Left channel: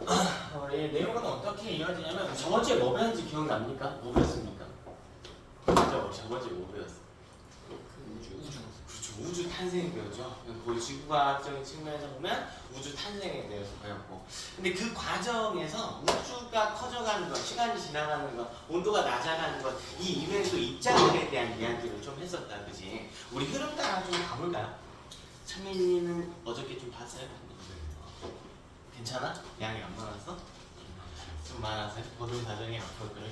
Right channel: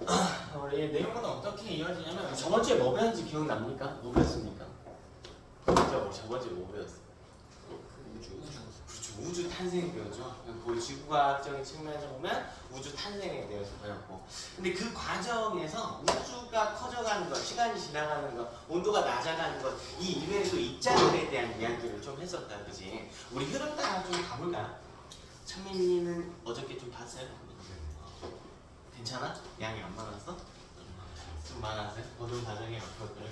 우리 내용은 어떻게 이어지냐면 저번 주에 뭐 배웠는지 기억납니까? 뭐 배웠습니까? 저번 주에 뭐 배웠어? 우주. 그렇죠. 우주 탄생에 배웠죠. 그 지구과학적인 측면에서 보면 우주 탄생에 대해서 배웠고, 근데 그 과정에서 우주가 커져가는 것, 시간이 지나가는 것, 온도가 낮아가는 것, 이 이외에도 입자들에 대한 이야기를 좀 했었다, 그지? 우리 흐름 따라 좀 가볼까요? 찬민이는 어저께 좀 봤어요? 괜찮아? 양이 안 많았어? 좀 많았어요? 모든 과정이 앞으로 그럴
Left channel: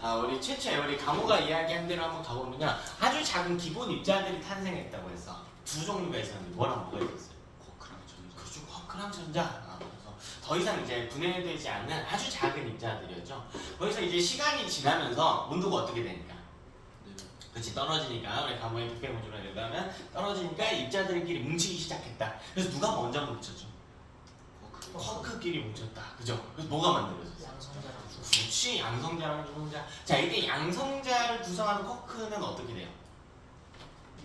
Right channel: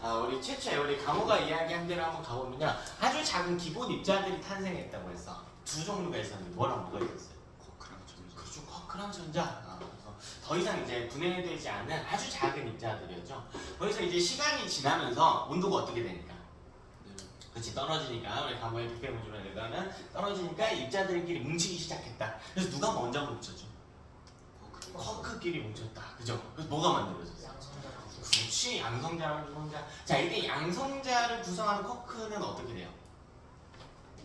거야. 우리 최초에 우리 강호가 이야기한 대로 한번 가보면요, 아주 작은 기본 입자들이 탄생했다고 했어. 두 종류가 있었는데 뭐랑 뭐가 있었어요? 쿼크랑 전자. 그렇죠, 쿼크랑 전자. 그래서 더 이상 이제 분해되지 않는 아주 작은 입자들이었죠. 거기서 이제 시간이 지나면서 온도가 어떻게 되니까? 그렇지, 떨어지니까. 우리 강호의 북배우주로 얘기하면 떨어지니까 입자들끼리 뭉치기 시작했다. 그래서 누가 먼저 뭉쳤죠? 쿼크끼리 뭉쳤다. 그죠? 그래서 뭐가 만들어졌어? 양성자랑 그렇지, 양성자랑 중성자. 자, 이때 양성자를 구성하는 쿼크는 어떻게 돼요?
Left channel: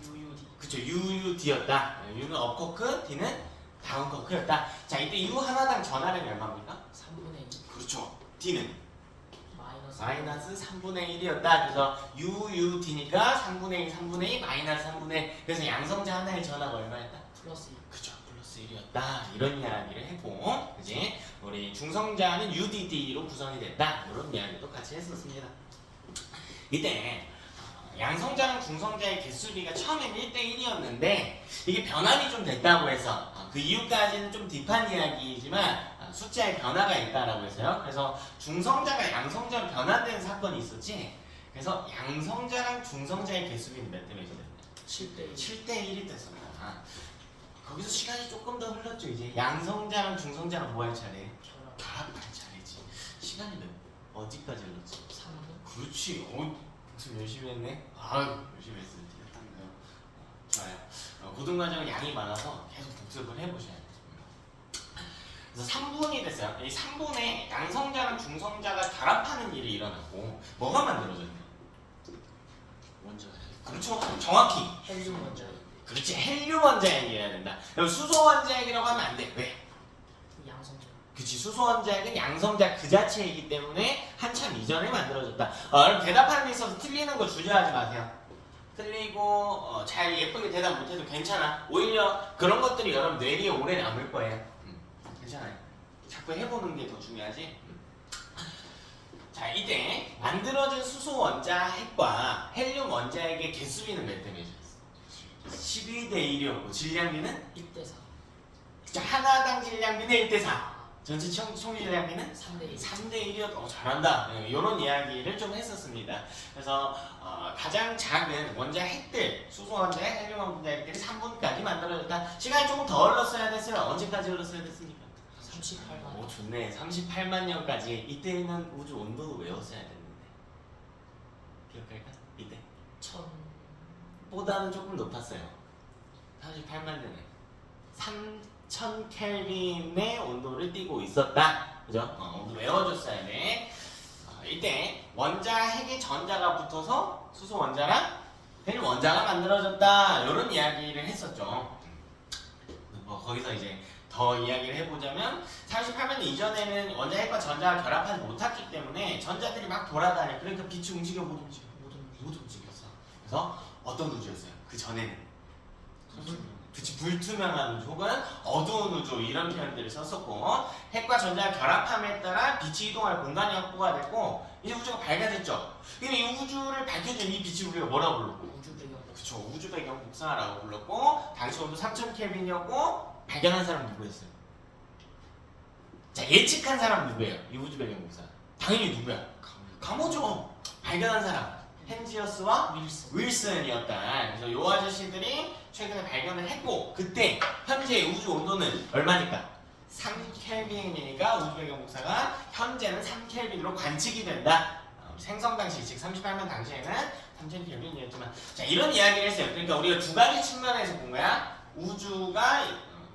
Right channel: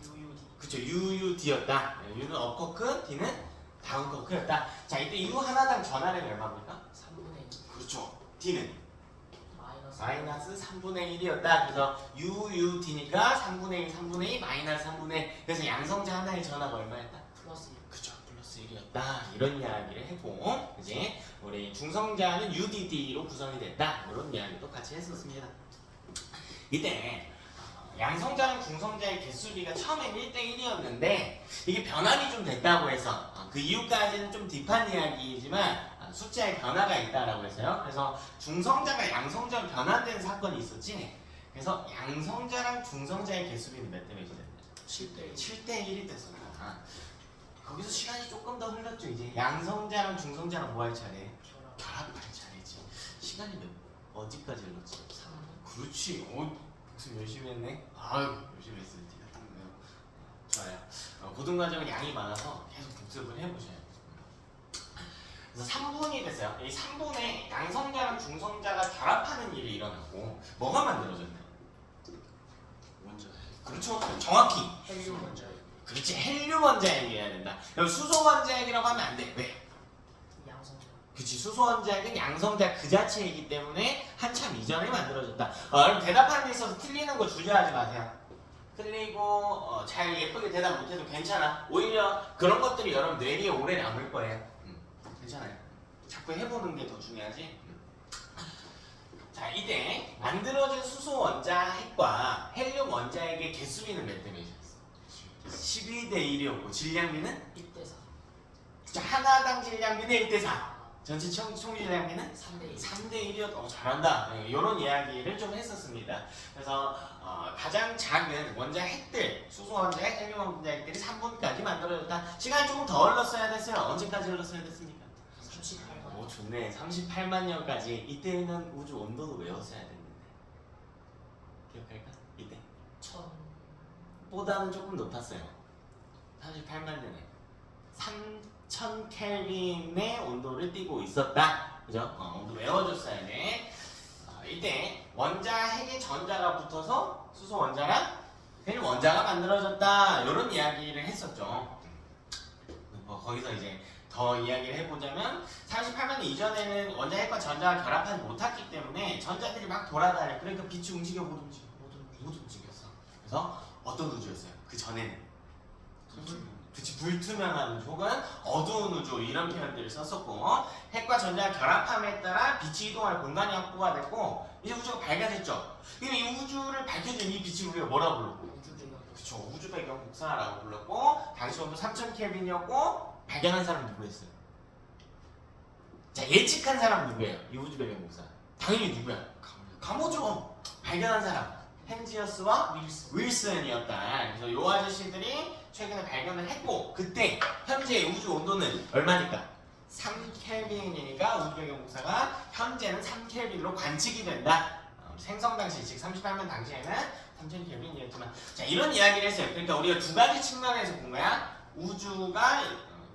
UUD. 그쵸, UUD였다. U는 업쿼크, D는 다운쿼크였다. 자, 이때 U 하나당 전하량이 얼마입니까? 3분의 2 그렇죠. D는 마이너스 마이너스 3분의 1이었다. 그래서 UUD니까 3분의 1, 3분의 2, 마이너스 3분의 1. 그래서 양성자 하나의 전하가 얼마였다? 플러스 2. 그쵸, 플러스 1이었다. 이런 이야기를 했고, 그지? 우리 중성자는 UDD로 구성이 됐다. 이런 이야기도 같이 했었습니다. 이때 양성자랑 중성자의 개수비가 처음엔 1대1이었는데 이게 변환이 좀 됐다고 해서 그 이유까지는 좀 딥한 이야기이지만 숫자에 변화가 있다라고 했어요. 그래서 중성자가 양성자로 변환되는 사건이 있었지. 그래서 양성자랑 중성자의 개수비는 몇 대 몇이 됐나요? 7대 1. 7대1이 됐습니다. 거기서 시간이 조금 더 흘렀죠. 이제 양성자랑 중성자랑 뭐 할 차례? 결합할 차례지. 시간이 어디까지 흘렀지? 3분. 그렇지. 무슨 열심히 했네. 아유, 열심히 했어요. 좋아요. 고등과정은 양이 많아서 계속 복습을 해보셔야 돼요. 그래서 3분이 됐어요. 이 3분에 양성자랑 중성자가 결합하는 일이 일어났고 뭐가 만들어졌나요? 원자. 그렇죠. 정확히. 헬륨 원자. 그렇지. 헬륨 원자핵이어야 된다. 그럼 수소 원자핵이라고 하면 안 돼. 왜? 양성자. 그치, 수소 원자핵은 양성자 그 자체이기 때문에 한참 이전에 만들어졌다. 그럼 대답하는 데 있어서 틀리는 거 주저하지 마세요. 틀리고 잘 예쁘게 대답 못해도 괜찮아. 오히려 그런 것들이 여러분 뇌리에 오래 남을 거예요. 괜찮아요. 자꾸 해보는 게 더 중요하지. 자, 이때 만들어진 수소 원자핵과 헬륨 원자핵의 개수비는 몇 대 몇이었어? 12대 1이었고 질량비는 1대 4. 자, 하나당 질량비는 1대 4. 전체 총 질량비는 3대 1. 3대 1이었다. 잘한다. 이런 이야기를 좀 했었습니다. 그래서 가장 작은 원자핵들, 수소 원자핵, 헬륨 원자핵들이 3분까지 만들어졌다. 시간이 조금 더 흘렀어야 됐어요. 언제까지 흘렀어야 됐습니까? 38만. 오, 좋네. 38만 년까지. 이때는 우주 온도 외웠어야 됐는데. 기억할까? 이때. 1000. 보다는 조금 높았어요. 38만 년에 3000 켈빈의 온도를 띠고 있었다. 그죠? 온도 외워줬어야 돼. 이때 원자핵의 전자가 붙어서 수소 원자랑 헬륨 원자가 만들어졌다. 이런 이야기를 했었죠. 거기서 이제 더 이야기를 해보자면 38만 년 이전에는 원자핵과 전자가 결합하지 못했기 때문에 전자들이 막 돌아다녀. 그러니까 빛이 움직여 못 움직여? 못 움직였어. 그래서 어떤 우주였어요? 그 전에는 그치, 불투명한 우주 혹은 어두운 우주 이런 표현들을 썼었고, 핵과 전자가 결합함에 따라 빛이 이동할 공간이 확보가 됐고 이제 우주가 밝아졌죠. 그럼 이 우주를 밝혀준 이 빛을 우리가 뭐라고 불렀고? 우주 배경. 그쵸, 우주 배경 복사라고 불렀고, 당시 온도 3000 켈빈이었고 발견한 사람 누구였어요? 자, 예측한 사람 누구예요? 이 우주 배경 복사 당연히 누구야? 가모죠. 발견한 사람 헨지어스와 윌슨이었다. 그래서 이 아저씨들이 최근에 발견을 했고, 그때 현재 우주 온도는 얼마니까? 3켈빈이니까 우주 배경 복사가 현재는 3켈빈으로 관측이 된다. 생성 당시, 즉 38만 당시에는 3000켈빈이었지만, 자, 이런 이야기를 했어요. 그러니까 우리가 두 가지 측면에서 본 거야. 우주가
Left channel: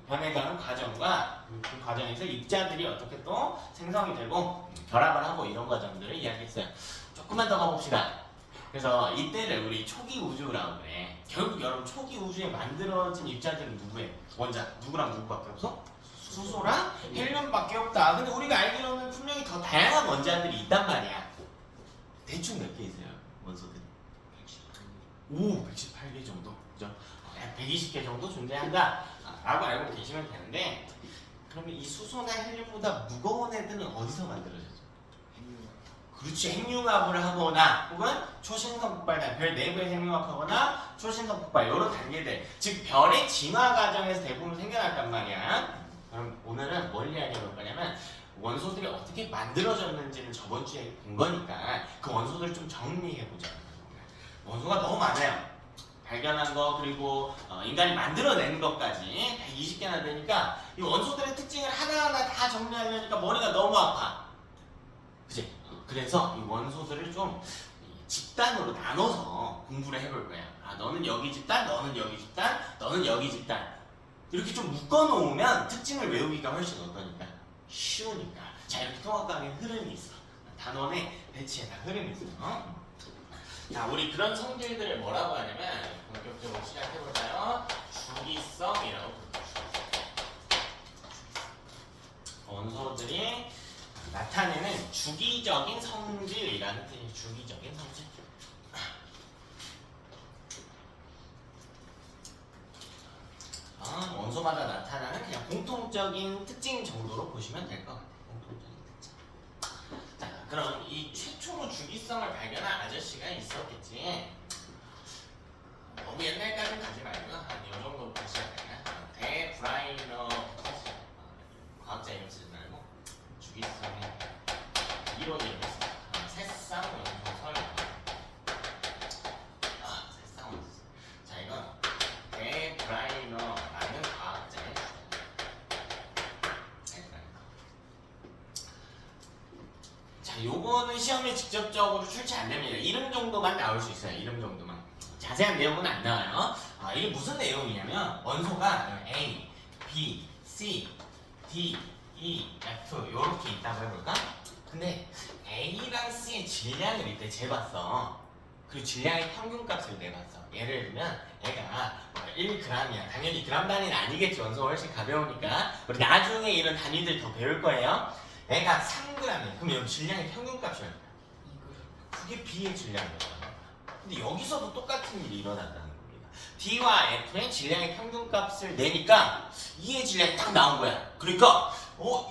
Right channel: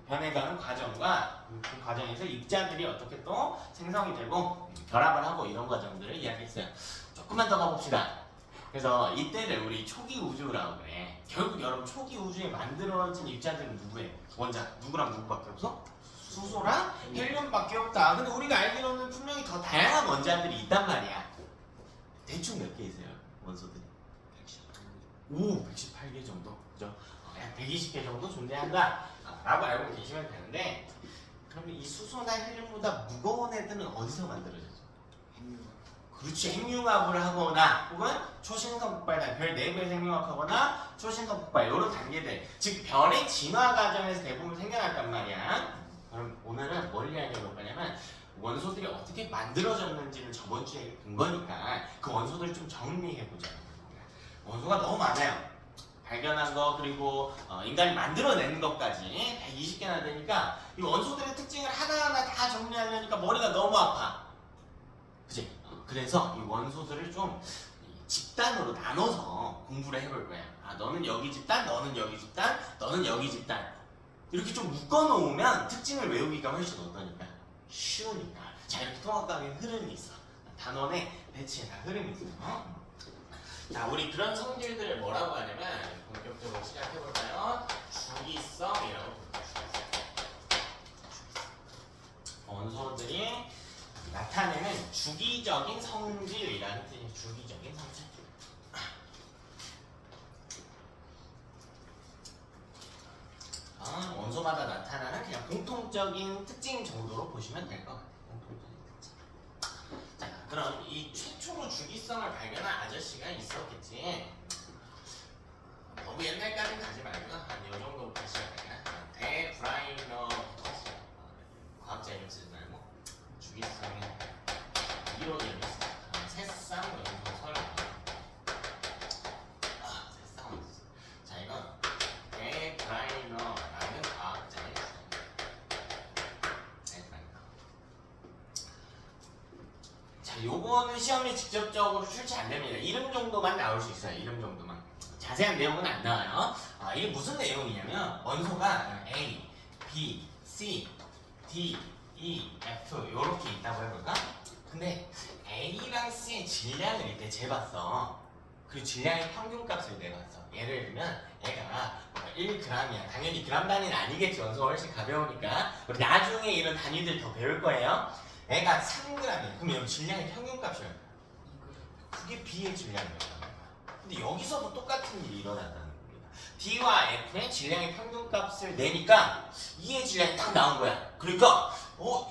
변해가는 과정과 그 과정에서 입자들이 어떻게 또 생성이 되고 결합을 하고 이런 과정들을 이야기했어요. 조금만 더 가봅시다. 그래서 이때를 우리 초기 우주라고 그래. 결국 여러분 초기 우주에 만들어진 입자들은 누구예요? 원자 누구랑 누구밖에 없어? 수소랑 헬륨밖에 없다. 근데 우리가 알기로는 분명히 더 다양한 원자들이 있단 말이야. 대충 몇 개 있어요 원소들이? 118개 정도, 그죠? 약 120개 정도 존재한다 라고 알고 계시면 되는데, 그러면 이 수소나 헬륨보다 무거운 애들은 어디서 만들어졌죠? 그렇지, 핵융합을 하거나 혹은 초신성 폭발, 별 내부에 핵융합하거나 초신성 폭발 이런 단계들, 즉 별의 진화 과정에서 대부분 생겨났단 말이야. 그럼 오늘은 뭘 이야기해볼 거냐면 원소들이 어떻게 만들어졌는지는 저번 주에 본 거니까 그 원소들을 좀 정리해보자. 원소가 너무 많아요. 발견한 거 그리고 인간이 만들어낸 것까지 120개나 되니까 이 원소들의 특징을 하나하나 다 정리하려니까 머리가 너무 아파. 그치? 그래서 이 원소들을 좀 집단으로 나눠서 공부를 해볼 거야. 아, 너는 여기 집단, 너는 여기 집단, 너는 여기 집단. 이렇게 좀 묶어놓으면 특징을 외우기가 훨씬 어떠니까? 쉬우니까. 자, 이렇게 통합강의 흐름이 있어. 단원의 배치에 다 흐름이 있어. 자, 우리 그런 성질들을 뭐라고 하냐면 본격적으로 시작해볼까요? 주기성이라고 부르죠. 원소들이 나타내는 주기적인 성질이라는 뜻이에요. 주기적인 성질. 원소마다 나타나는 그냥 공통적인 특징 정도로 보시면 될 것 같아요. 공통적인 특징. 자, 그럼 이 최초로 주기성을 발견한 아저씨가 있었겠지. 너무 옛날까지 가지 말고 한 이 정도부터 시작할까? 데브라이너부터 시작. 과학자 이름 쓰지 말고 주기성의 이론을 했어. 새쌍 연소설. 새쌍 연소설. 자, 이건 데브라이너라는 과학자의 데브라이너. 자, 요거는 시험에 직접적으로 출제 안 됩니다. 이름 정도만 나올 수 있어요. 이름 정도만. 자세한 내용은 안 나와요. 이게 무슨 내용이냐면 원소가 A, B, C, D, E, F 이렇게 있다고 해볼까? 근데 A랑 C의 질량을 이때 재봤어. 그리고 질량의 평균값을 내봤어. 예를 들면 애가 1g이야. 당연히 그람 단위는 아니겠지. 원소가 훨씬 가벼우니까. 우리 나중에 이런 단위들 더 배울 거예요. 애가 3g이야. 그럼 여기 질량의 평균값이야. 그게 B의 질량이었단 말이야. 근데 여기서도 똑같은 일이 일어난다는 겁니다. D와 F의 질량의 평균값을 내니까 E의 질량이 딱 나온 거야. 그러니까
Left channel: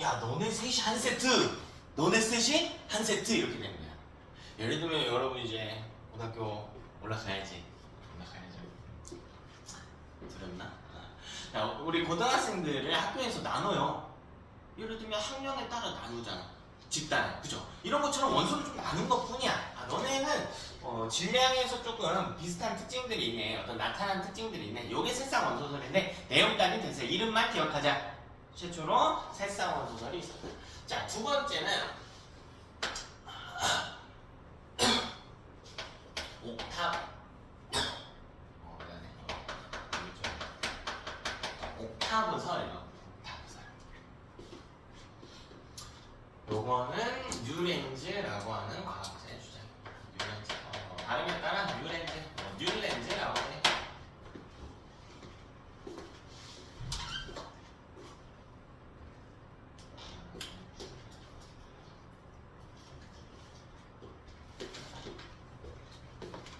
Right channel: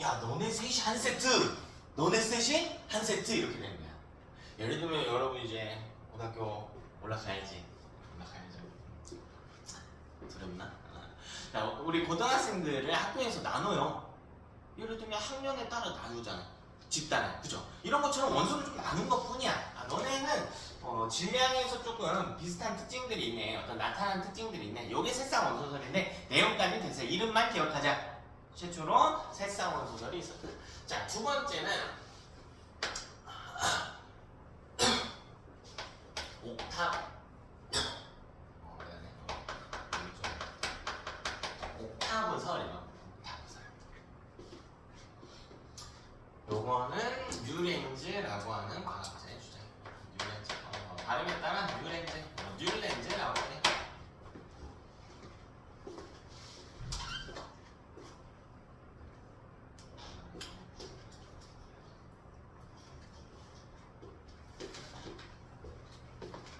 야, 너네 셋이 한 세트, 너네 셋이 한 세트 이렇게 되는 거야. 예를 들면 여러분 이제 고등학교 올라가야지. 들었나? 자, 우리 고등학생들을 학교에서 나눠요. 예를 들면 학년에 따라 나누잖아. 집단에, 그죠? 이런 것처럼 원소를 좀 나눈 것 뿐이야. 너네는 질량에서 조금 비슷한 특징들이 있네. 어떤 나타나는 특징들이 있네. 요게 새쌍 원소설인데 내용까지 됐어요. 이름만 기억하자. 최초로 새쌍 원소설이 있었다. 자, 두 번째는 옥탑. 옥타브설이요. 옥타브설. 요거는 뉴렌즈라고 하는 과학자의 주장입니다. 뉴렌즈. 발음에 따라 뉴렌즈라고 해.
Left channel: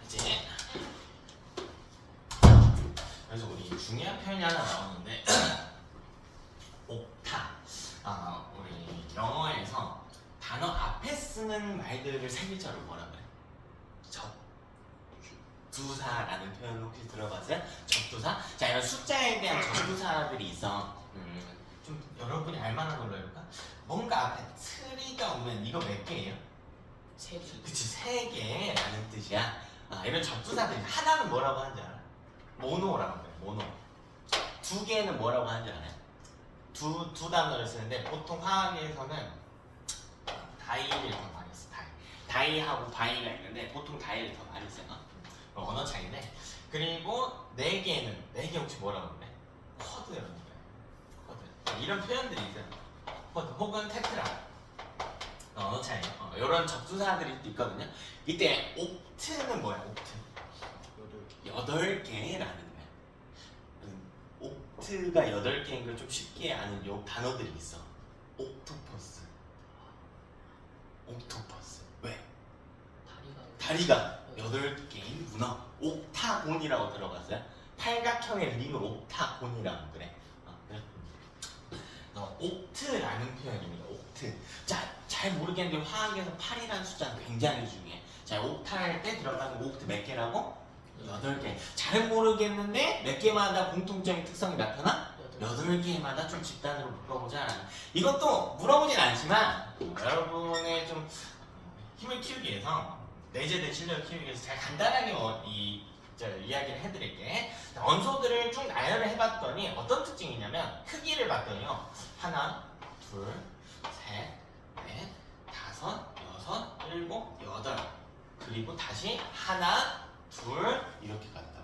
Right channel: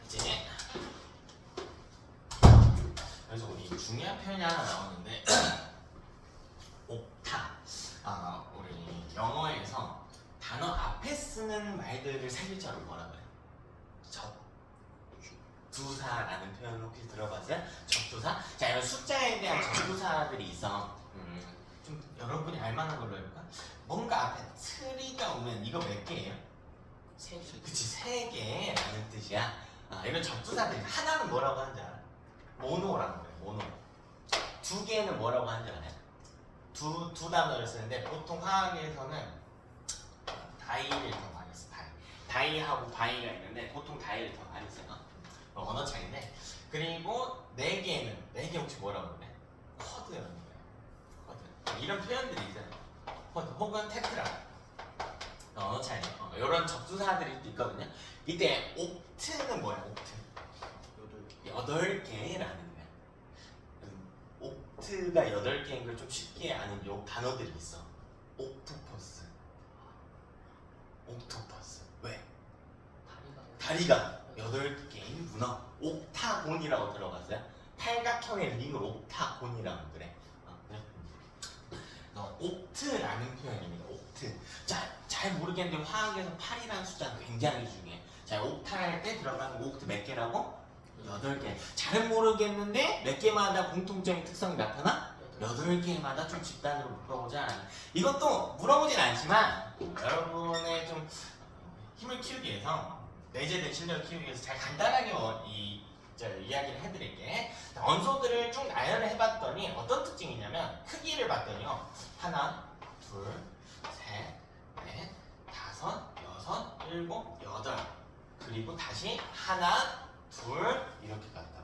이제 그래서 우리 중요한 표현이 하나 나오는데 옥타. 우리 영어에서 단어 앞에 쓰는 말들을 세글자로 뭐라 그래? 접두사라는 표현 혹시 들어봤어요? 접두사? 자, 이런 숫자에 대한 접두사들이 있어. 좀 여러분이 알만한 걸로 해볼까? 뭔가 앞에 트리가 오면 이거 몇 개예요? 세 개. 그치, 3개라는 뜻이야. 이런 접두사들이 하나는 뭐라고 하는지 알아? 모노라고 그래, 모노. 2개는 뭐라고 하는지 알아요? 두 단어를 쓰는데 보통 화학에서는 다이를 더 많이 써. 다이하고 바이가 있는데 보통 다이를 더 많이 써. 언어 차이인데. 그리고 4개 혹시 뭐라고 그래? 쿼드라고 그래. 쿼드. 이런 표현들이 있어요. 쿼드 혹은 테트라. 언어 차이. 이런 접두사들이 있거든요. 이때 옥트는 뭐야? 옥트. 8개라는 거야. 옥트. 옥트가 8개인 걸 좀 쉽게 아는 요 단어들이 있어. 옥토퍼스. 옥토퍼스. 왜? 다리가 8개인 문어. 옥타곤이라고 들어봤어요? 팔각형의 링을 옥타곤이라고 그래. 그래? 옥트라는 표현입니다. 옥트. 자, 잘 모르겠는데 화학에서 8이라는 숫자는 굉장히 중요해. 자, 옥탈 때 들어가는 옥트 몇 개라고? 8개. 잘은 모르겠는데 몇 개마다 공통적인 특성이 나타나? 8개마다 좀 집단으로 묶어보자. 이것도 물어보진 않지만 여러분의 좀 힘을 키우기 위해서 내재된 실력을 키우기 위해서 잘 간단하게 이야기를 해드릴게. 원소들을 쭉 나열을 해봤더니 어떤 특징이 있냐면 크기를 봤더니요. 하나, 둘, 셋, 넷, 다섯, 여섯, 일곱, 여덟. 그리고 다시 하나, 둘 이렇게 갔다고.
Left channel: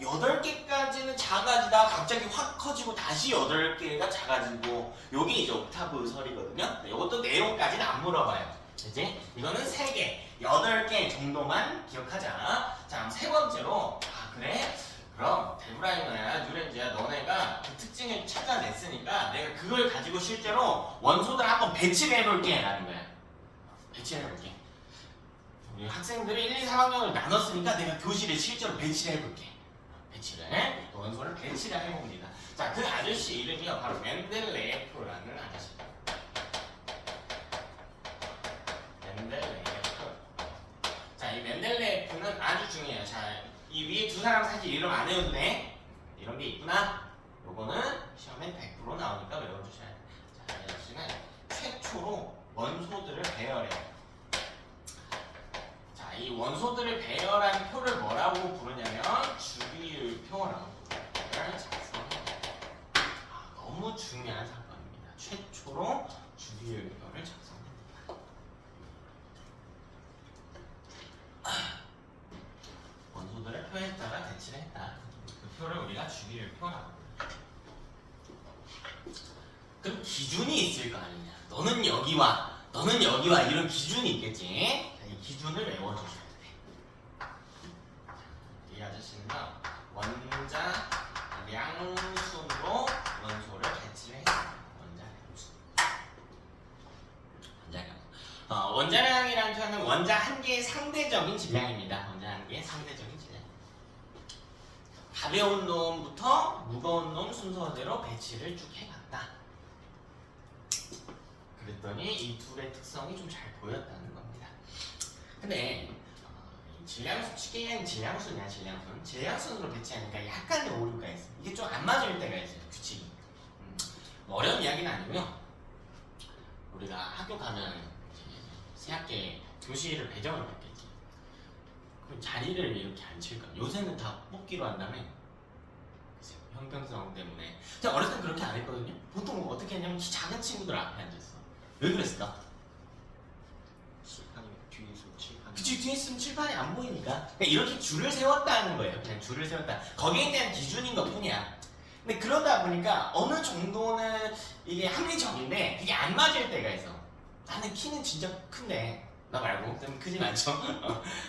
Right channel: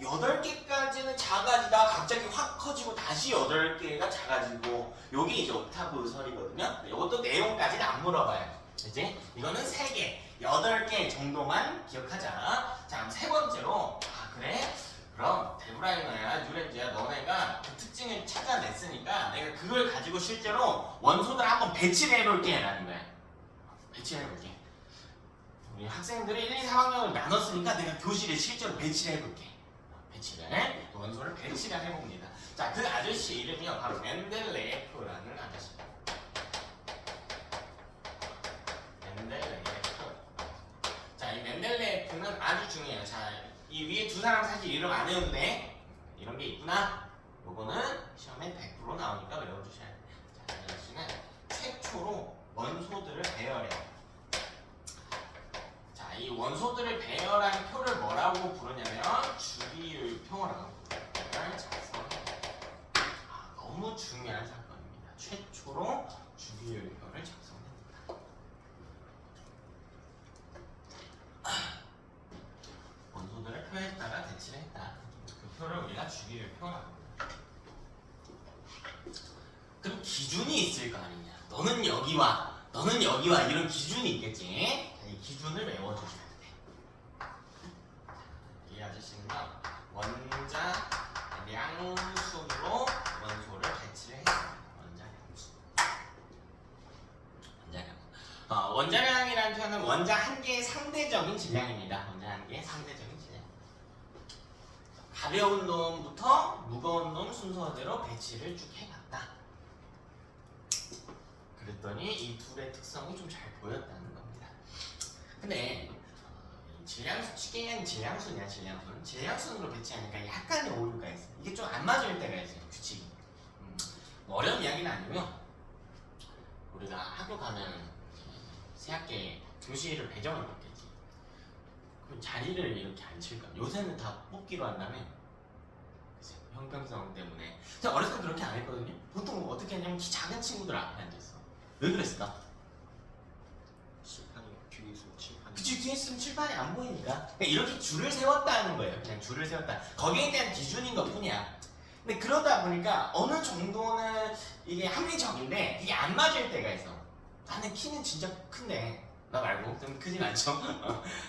8개까지는 작아지다가 갑자기 확 커지고 다시 8개가 작아지고 요게 이제 옥타브 설이거든요. 이것도 내용까지는 안 물어봐요. 이제 이거는 3개, 8개 정도만 기억하자. 자, 그럼 세 번째로 그래? 그럼 데브라이너야, 뉴렌즈야 너네가 그 특징을 찾아냈으니까 내가 그걸 가지고 실제로 원소들 한번 배치를 해볼게 라는 거야. 배치를 해볼게. 우리 학생들이 1, 2, 3학년을 나눴으니까 내가 교실에 실제로 배치를 해볼게. 배치를 원소를 배치를 해봅니다. 자, 그 아저씨 이름이요 바로 멘델레예프라는 아저씨. 멘델레예프. 자, 이 멘델레예프는 아주 중요해요. 자, 이 위에 두 사람 사실 이름 안 외워도 돼. 이런 게 있구나. 요거는 시험에 100% 나오니까 외워주셔야 돼. 자, 이 아저씨는 최초로 원소들을 배열해요. 이 원소들을 배열한 표를 뭐라고 부르냐면 주기율표라고 너무 중요한 사건입니다. 최초로 주기율표를 작성합니다. 원소들을 표에다가 대치를 했다. 그 표를 우리가 주기율표라고 합니다. 그럼 기준이 있을 거 아니냐. 너는 여기와 너는 여기와 이런 기준이 있겠지. 이 기준을 외워주셔야 돼. 이 아저씨는요 원자량순으로 원소를 배치를 했어요. 원자량. 원자량이라는 표현은 원자 한 개의 상대적인 질량입니다. 원자 한 개의 상대적인 질량. 가벼운 놈부터 무거운 놈 순서대로 배치를 쭉 해갔다. 그랬더니 이 둘의 특성이 좀 잘 보였다는 겁니다. 근데 질량수, 쉽게 얘기하면 질량순이야. 질량순으로 배치하니까 약간의 오류가 있어. 이게 좀 안 맞을 때가 있어요. 규칙이. 어려운 이야기는 아니고요. 우리가 학교 가면 새학기에 교실을 배정을 받겠지. 그럼 자리를 이렇게 안 칠까? 요새는 다 뽑기로 한다며. 형평성 때문에. 제가 어렸을 때 그렇게 안 했거든요. 보통 어떻게 했냐면 작은 친구들 앞에 앉았어. 왜 그랬을까? 칠판이 뒤에서 칠판. 그치, 뒤에 있으면 칠판이 안 보이니까. 그러니까 이렇게 줄을 세웠다는 거예요. 그냥 줄을 세웠다. 거기에 대한 기준인 것 뿐이야. 근데 그러다 보니까 어느 정도는 이게 합리적인데 이게 안 맞을 때가 있어. 나는 키는 진짜 큰데 나 말고 좀 크진 않죠?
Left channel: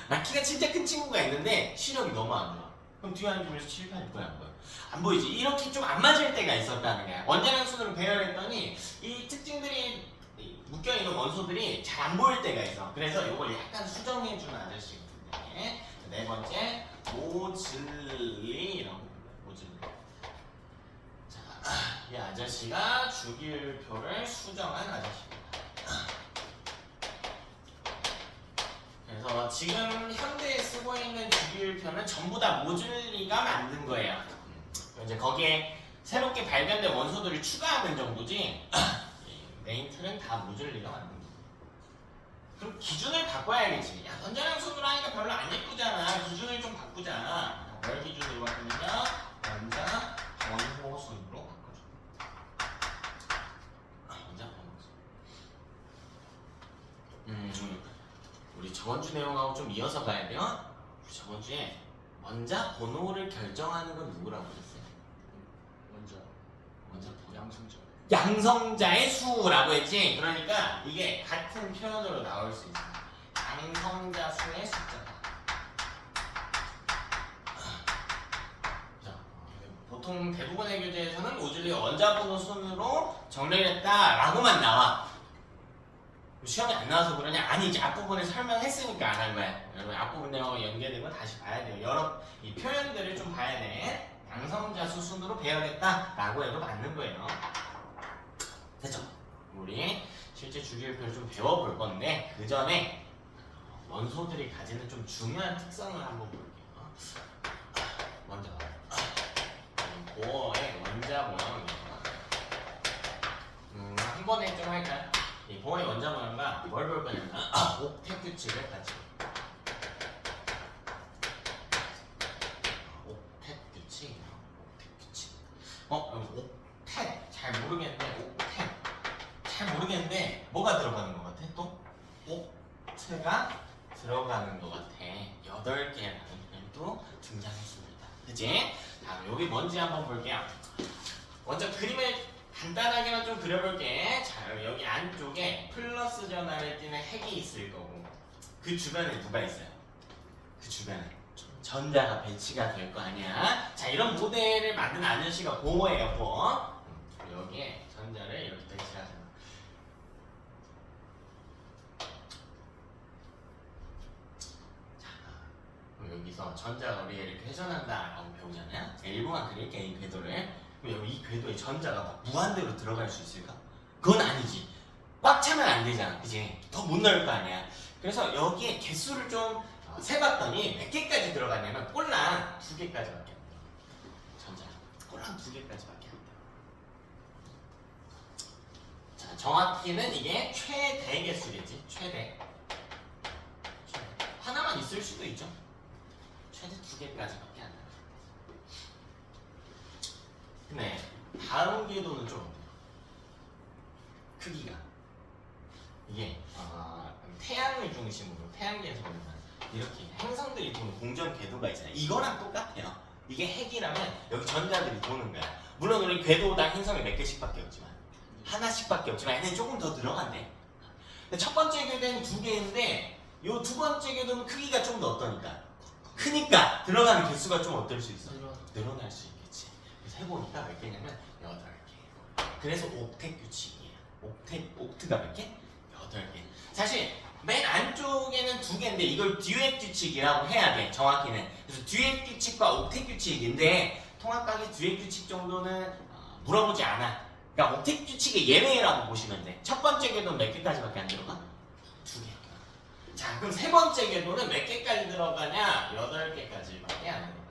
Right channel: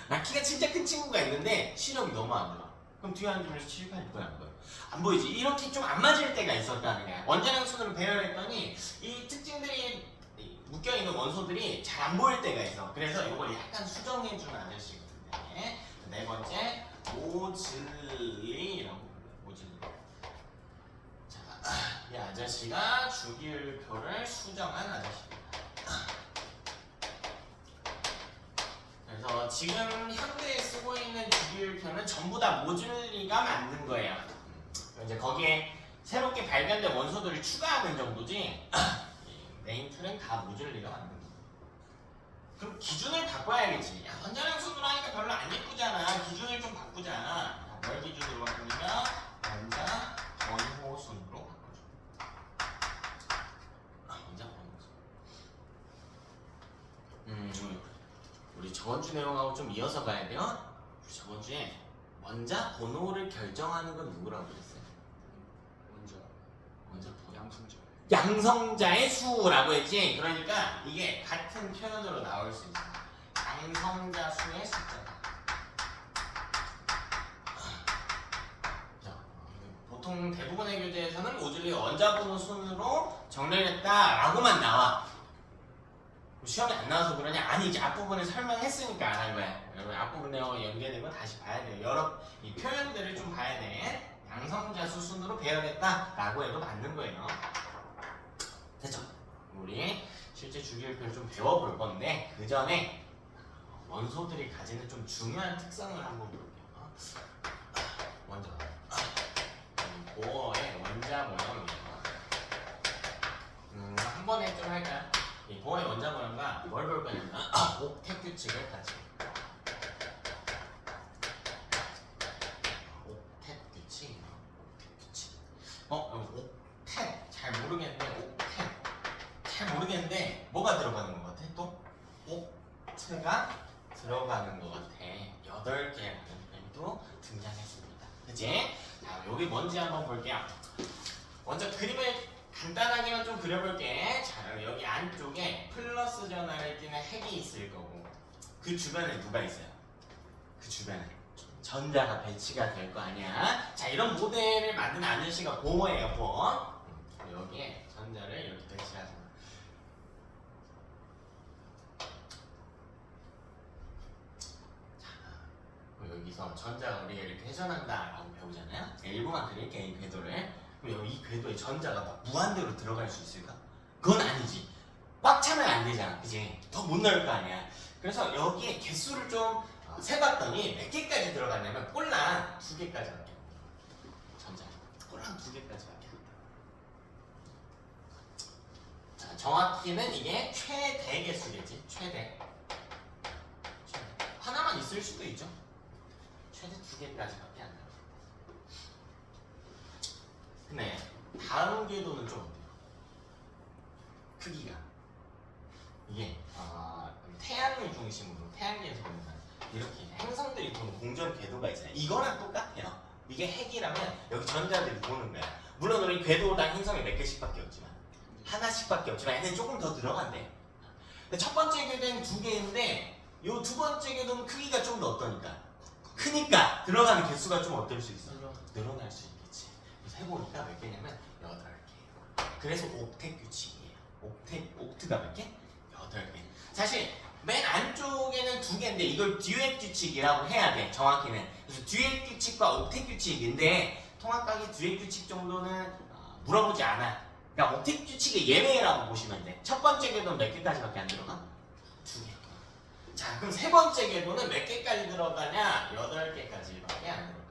나 키가 진짜 큰 친구가 있는데 시력이 너무 안 좋아. 그럼 뒤에 앉으면서 칠판이 보여 안 보여? 안 보이지? 이렇게 좀 안 맞을 때가 있었다는 거야. 원자량순으로 배열했더니 이 특징들이 묶여있는 원소들이 잘 안 보일 때가 있어. 그래서 이걸 약간 수정해주는 아저씨거든요. 네 번째, 모즐리라고 불러요. 모즐리. 자, 이 아저씨가 주기율표를 수정한 아저씨입니다. 그래서 지금 현대에 쓰고 있는 주기율표는 전부 다 모즐리가 만든 거예요. 이제 거기에 새롭게 발견된 원소들이 추가하는 정도지. 메인 틀은 다 모즐리가 만든 거야. 그럼 기준을 바꿔야겠지. 야, 원자량순으로 하니까 별로 안 예쁘잖아. 기준을 좀 바꾸자. 뭘 기준으로 바꾸느냐? 원자 원호순으로 바꿔줘. 원자 원호순. 우리 저번 주 내용하고 좀 이어서 가야 돼요. 저번 주에 원자 번호를 결정하는 건 누구라고 그랬어요? 원자 번호. 양성자. 양성자의 수라고 했지. 그러니까 이게 같은 표현으로 나올 수 있어. 양성자 수의 숫자다. 자, 보통 보통 대부분의 교재에서는 모듈리 원자번호 순으로 정렬했다라고만 나와. 시험에 안 나와서 그러냐? 아니지. 앞부분에 설명했으니까 안 한 거야. 여러분 앞부분에 연계된 거 다시 봐야 돼요. 여러 이 표현들을 좀 봐야 돼. 양성자수 순으로 배워야겠다라고 해도 맞는 거예요. 됐죠? 우리 실제 주기율표를 좀 배워볼 건데 그 전에 원소들이 가지는 좀 중요한 특성을 한번 볼게요. 먼저 보어의 원자 모형이에요. 한 번에 좀 할까요? 이 보어의 원자 모형과 뭘 볼 거냐면 옥텟 규칙을 같이 옥텟 규칙 옥텟 잘 모르겠는데 뭐가 들어가는 것 같아? 또 옥트가 들어가는 것 같아. 8개라는 표현도 등장했습니다. 그치? 다음 여기 뭔지 한번 볼게요. 먼저 그림을 간단하게만 좀 그려볼게. 자, 여기 안쪽에 플러스 전하를 띠는 핵이 있을 거고 그 주변에 누가 있어요? 그 주변에 전자가 배치가 될 거 아니야. 자, 이런 모델을 만든 아저씨가 보어예요, 보어. 여기에 전자를 이렇게 배치하는 거야. 여기서 전자가 우리가 이렇게 회전한다라고 배우잖아요. 일부만 그릴게, 이 궤도를. 그럼 이 궤도에 전자가 막 무한대로 들어갈 수 있을까? 그건 아니지. 꽉 차면 안 되잖아, 그지? 더 못 넣을 거 아니야. 그래서 여기에 개수를 좀 세봤더니 몇 개까지 들어가냐면 꼴랑 2개까지밖에 안 들어가. 전자가 꼴랑 2개까지밖에 안 들어가. 자, 정확히는 이게 최대 개수겠지. 최대. 하나만 있을 수도 있죠. 최대 2개까지밖에 안 나와요. 근데 다음 궤도는 좀 어때요? 크기가 이게 태양을 중심으로 태양계에서 보면 이렇게 행성들이 도는 공전 궤도가 있잖아요. 이거랑 똑같아요. 이게 핵이라면 여기 전자들이 도는 거야. 물론 우리 궤도당 행성이 몇 개씩밖에 없지만 하나씩밖에 없지만 얘는 조금 더 들어간대. 근데 첫 번째 궤도는 2개인데 요 두 번째 궤도는 크기가 좀 더 어떠니까? 크니까 들어가는 개수가 좀 어떨 수 있어? 늘어날 수 있겠지. 그래서 해보니까 몇 개냐면 8개. 그래서 옥텟 규칙이에요. 옥트가 몇 개? 8개. 사실 맨 안쪽에는 2개인데 이걸 듀엣 규칙이라고 해야 돼. 정확히는. 그래서 듀엣 규칙과 옥텟 규칙인데 통합각의 듀엣 규칙 정도는 물어보지 않아. 그러니까 옥텟 규칙의 예외라고 보시면 돼. 첫 번째 궤도는 몇 개까지밖에 안 들어가? 2개. 자, 그럼 세 번째 궤도는 몇 개까지 들어가냐? 8개까지밖에 안 들어가.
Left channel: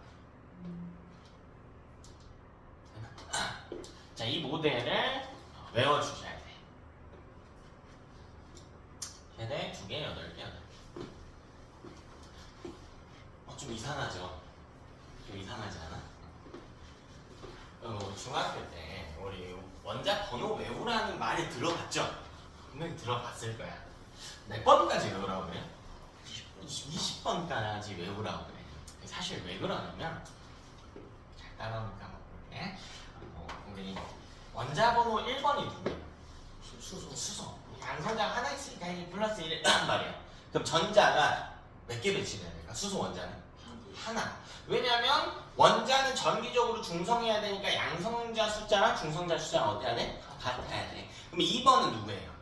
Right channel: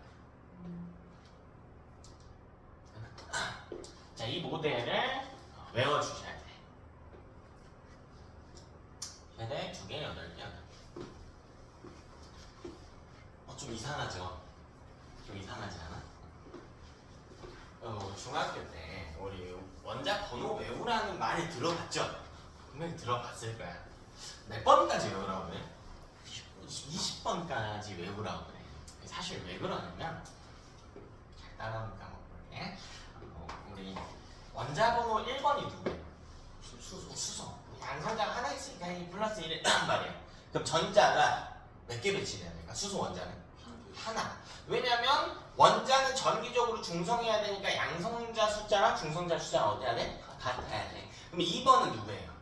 자, 이 모델을 외워주셔야 돼. 최대 2개, 8개. 좀 이상하죠? 좀 이상하지 않아? 중학교 때 우리 원자 번호 외우라는 말이 들어봤죠? 분명히 들어봤을 거야. 몇 번까지 외우라고 그래? 20번까지 외우라고 그래. 사실 왜 그러냐면 잘 따라오니까 볼게. 우리 원자 번호 1번이 누구야? 수소. 양성자가 하나 있으니까 이 플러스 1이란 말이야. 그럼 전자가 몇 개 배치돼야 될까? 수소 원자는? 하나. 왜냐면 원자는 전기적으로 중성해야 되니까 양성자 숫자랑 중성자 숫자가 어때야 돼? 같아야 돼. 그럼 2번은 누구예요?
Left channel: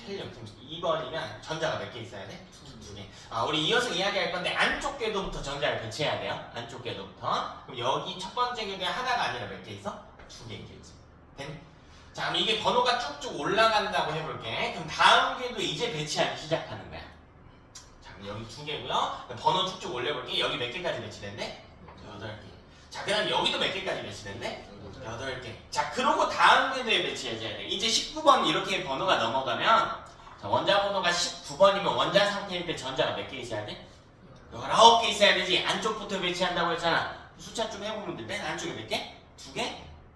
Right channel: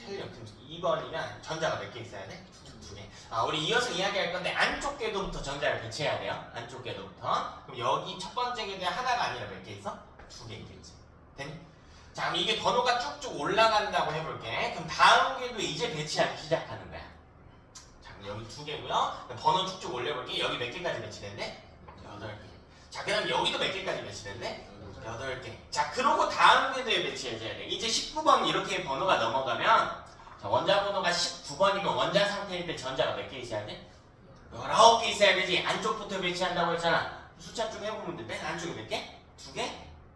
헬륨. 그럼 2번이면 전자가 몇 개 있어야 돼? 2개. 우리 이어서 이야기할 건데 안쪽 궤도부터 전자를 배치해야 돼요. 안쪽 궤도부터. 그럼 여기 첫 번째 궤도에 하나가 아니라 몇 개 있어? 2개 있겠지. 됐니? 자, 그럼 이게 번호가 쭉쭉 올라간다고 해볼게. 그럼 다음 궤도 이제 배치하기 시작하는 거야. 자, 그럼 여기 2개고요. 번호 쭉쭉 올려볼게. 여기 몇 개까지 배치됐네? 8개. 자, 그럼 여기도 몇 개까지 배치됐네? 8개. 자, 그러고 다음 궤도에 배치해줘야 돼. 이제 19번 이렇게 번호가 넘어가면 자, 원자 번호가 19번이면 원자 상태일 때 전자가 몇 개 있어야 돼? 19개 있어야 되지. 안쪽부터 배치한다고 했잖아. 숫자 좀 해보면 돼. 맨 안쪽에 몇 개? 2개?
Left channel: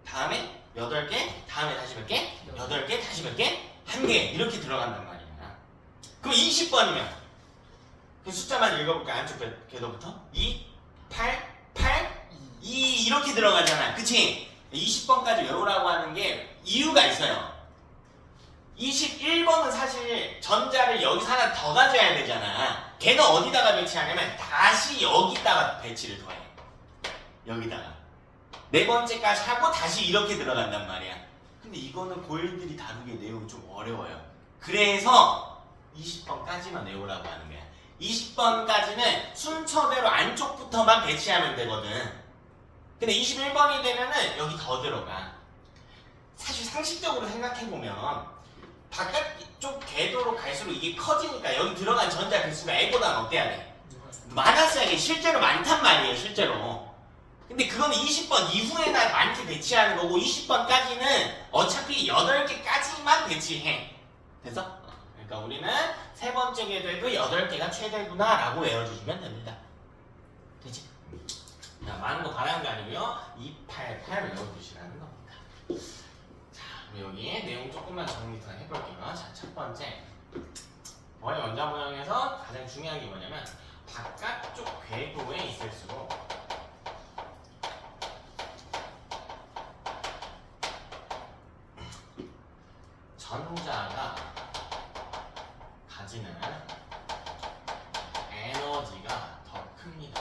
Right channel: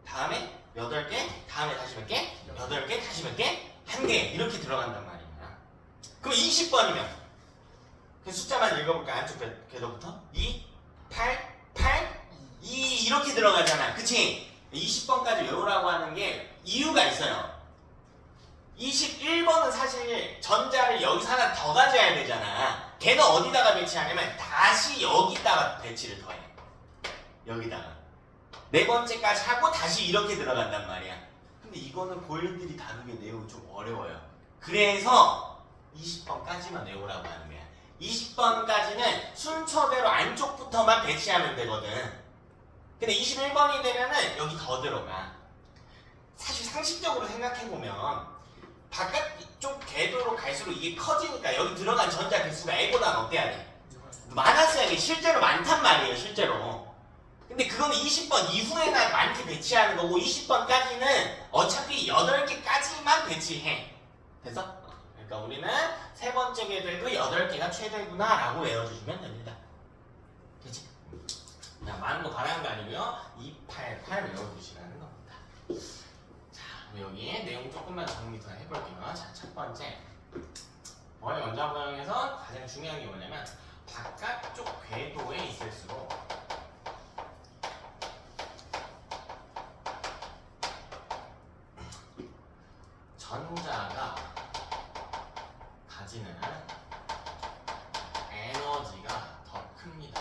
다음에 8개? 다음에 다시 몇 개? 8개? 다시 몇 개? 1개. 이렇게 들어간단 말이야. 그럼 20번이면 그 숫자만 읽어볼까? 안쪽 궤도부터 2, 8, 8, 2 이렇게 들어가잖아. 그치? 20번까지 외우라고 하는 게 이유가 있어요. 21번은 사실 전자를 여기서 하나 더 가져야 되잖아. 걔는 어디다가 배치하냐면 다시 여기다가 배치를 더해. 여기다가. 네 번째까지 하고 다시 이렇게 들어간단 말이야. 근데 이거는 고일들이 다루기 내용이 좀 어려워요. 그래서 20번까지만 외우라고 하는 거야. 20번까지는 순서대로 안쪽부터만 배치하면 되거든. 근데 21번이 되면은 여기 더 들어가. 사실 상식적으로 생각해보면 바깥쪽 궤도로 갈수록 이게 커지니까 여기 들어간 전자 개수가 A보다는 어때야 돼? 많았어야 돼. 실제로 많단 말이에요, 실제로. 근데 그거는 20번 이후에나 많게 배치하는 거고 20번까지는 어차피 8개까지만 배치해. 됐어? 그러니까 우리는 세 번째 궤도에도 8개가 최대구나 라고 외워주시면 됩니다. 되지? 자, 많은 거 바라는 거 아니고요. 288 외워주시라는 겁니다. 자, 그럼 여기 내용 조금만 정리 더 해볼게요. 자, 첫 번째 머리 원자 모양에서 가장 중요한 게 뭐냐면 바깥쪽 궤도에 있을수록 전자가 가지는 에너지가 더 큽니다.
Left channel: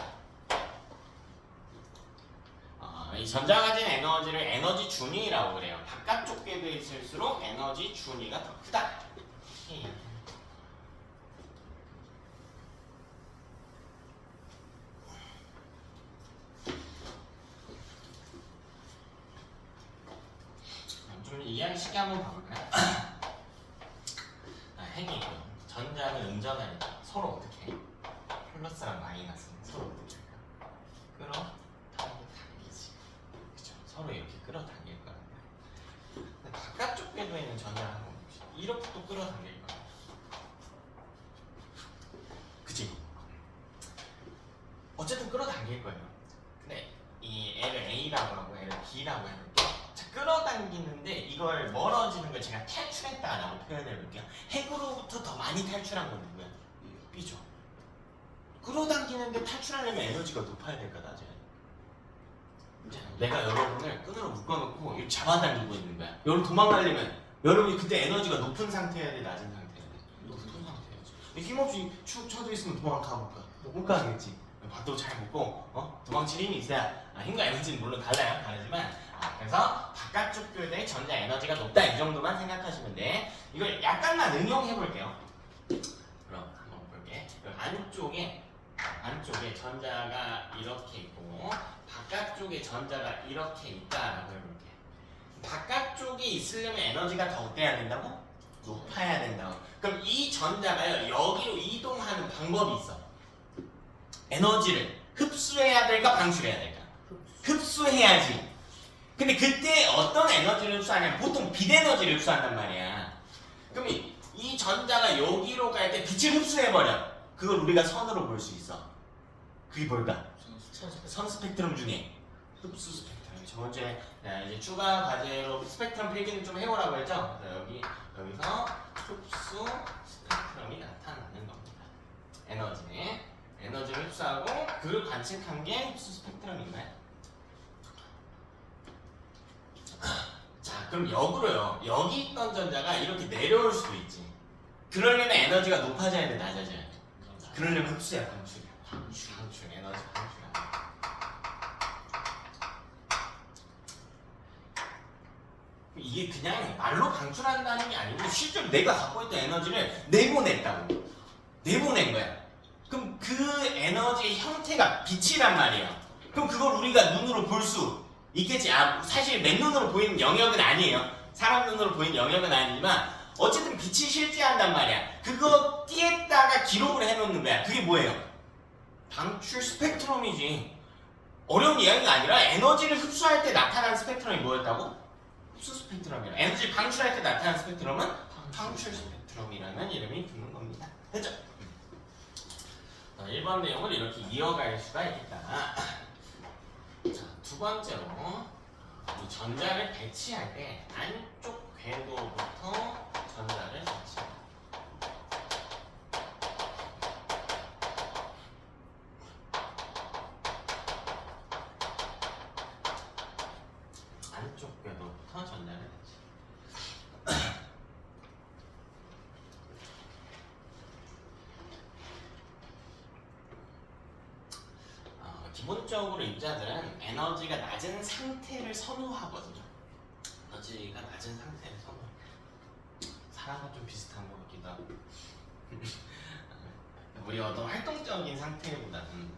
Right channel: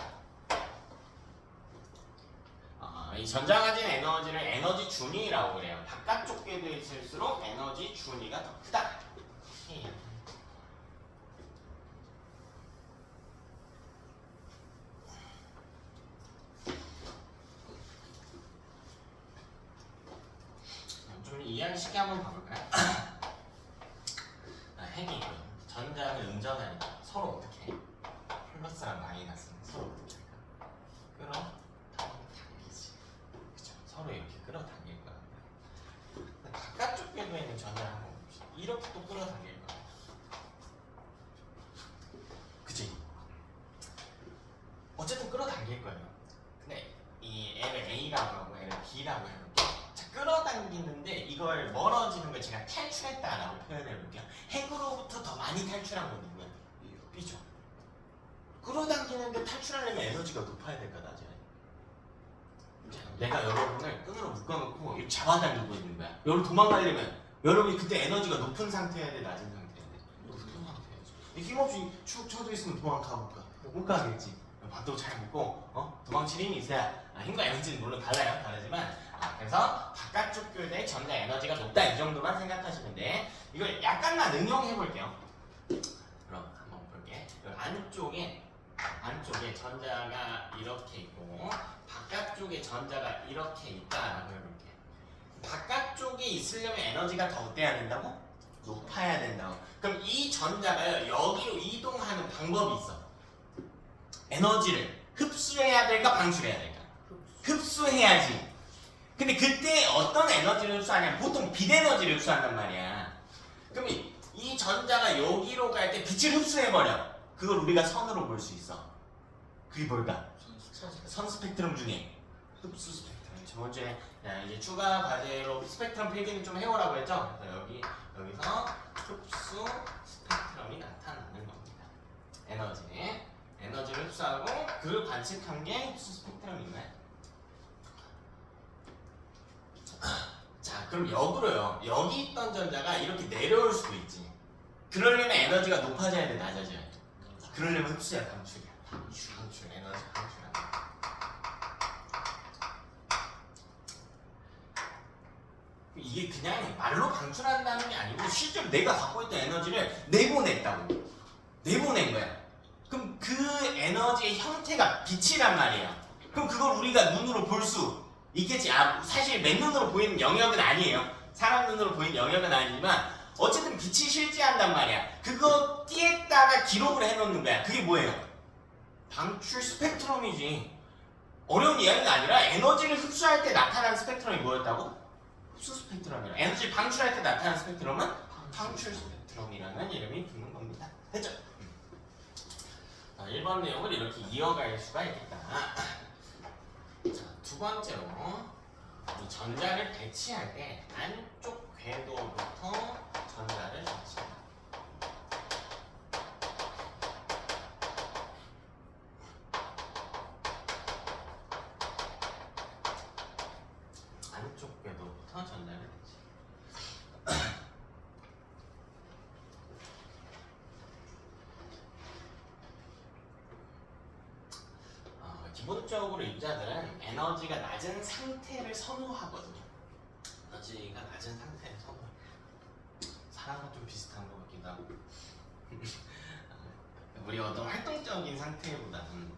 이 전자가 가지는 에너지를 에너지 준위라고 그래요. 바깥쪽 궤도에 있을수록 에너지 준위가 더 크다. 좀 이해하기 쉽게 한번 봐볼까요? 핵이 전자는 음전하니까 서로 어떻게 해? 플러스랑 마이너스는 서로 어떻게 할까? 끌어당기지. 그쵸? 서로 이렇게 끌어당길 거야. 근데 바깥쪽 궤도에 있는 전자를 한번 봅시다. 이렇게 또 끌어당길 거야. 그치? 어쨌든 끌어당길 거예요. 근데 이 L을 A라고 하고 L을 B라고 하는데 끌어당기는데 이걸 멀어지는 걸 제가 탈출했다라고 표현해 볼게요. 핵으로부터 더 많이 탈출한 건 누구야? B죠. 끌어당기는데 탈출하려면 에너지가 높아야 될까 낮아야 돼? 내가 여러분을 끈으로 묶어놓고 이렇게 잡아당기고 있는 거야. 여러분 도망가려면 여러분이 그때 에너지가 높은 상태여야 돼? 낮은 상태여야 돼? 높은 상태여야지. 힘없이 축 쳐져 있으면 도망가 볼까? 못 가겠지. 밥도 잘 먹고 도망칠 힘이 있어야 힘과 에너지는 물론 달라요. 다르지만 그래서 바깥쪽 궤도의 전자 에너지가 높다 이 정도만 생각하시면 돼. 이걸 약간만 응용해 볼게요. 그럼 한번 볼게. 안쪽에 전자가 이렇게 있고 바깥쪽에 전자가 이렇게 있다라고 해볼게. 바깥쪽에 있으려면 에너지가 더 어때야 된다고? 높아야 된다고. 그럼 이 전자가 여기로 이동하는 방법이 있어. 에너지를 흡수해야 될까 방출해야 될까? 흡수해야지. 근데 그때 어떤 에너지를 흡수하냐면 보통 빛 에너지를 흡수한단 말이야. 그럼 이 전자가 여기로 갈 때 빛을 흡수해버려. 그걸 우리가 선으로 볼 수 있어. 그게 뭘까? 선 스펙트럼 중에 흡수 스펙트럼. 저번주에 이제 추가 과제로 스펙트럼 필기는 좀 해오라고 했죠? 여기서 흡수 스펙트럼이 나타나는 겁니다. 에너지를 흡수하고 그걸 관측한 게 흡수 스펙트럼인가요? 자, 그럼 역으로요. 여기 있던 전자가 이렇게 내려올 수도 있지. 그러려면 에너지가 높아져야 돼, 낮아져야 돼? 그러려면 흡수야, 방출이야. 방출, 에너지 방출이야. 이게 그냥 말로 방출한다는 게 아니고 실제로 내가 갖고 있던 에너지를 내보냈다고. 내보낸 거야. 그럼 그 에너지의 형태가 빛이란 말이야. 그럼 그걸 우리가 눈으로 볼 수 있겠지. 사실 맨눈으로 보이는 영역은 아니에요. 사람 눈으로 보이는 영역은 아니지만 어쨌든 빛이 실제한단 말이야. 그거 띠에다가 기록을 해놓는 거야. 그게 뭐예요? 방출 스펙트럼이지. 어려운 이야기가 아니라 에너지를 흡수할 때 나타나는 스펙트럼이 뭐였다고? 흡수 스펙트럼이야. 에너지 방출할 때 나타나는 스펙트럼은 방출 스펙트럼이라는 이름이 붙는 겁니다. 됐죠? 1번 내용을 이렇게 이어갈 수가 있겠다. 자, 두 번째로 이 전자를 배치할 때 안쪽 궤도부터 전자를 배치합니다. 안쪽 궤도부터 전자를 배치. 기본적으로 인자들은 에너지가 낮은 상태를 선호하거든요. 에너지가 낮은 상태를 선호해. 사람과 좀 비슷한 것 같기도 하고. 우리 어떤 활동적인 상태보다는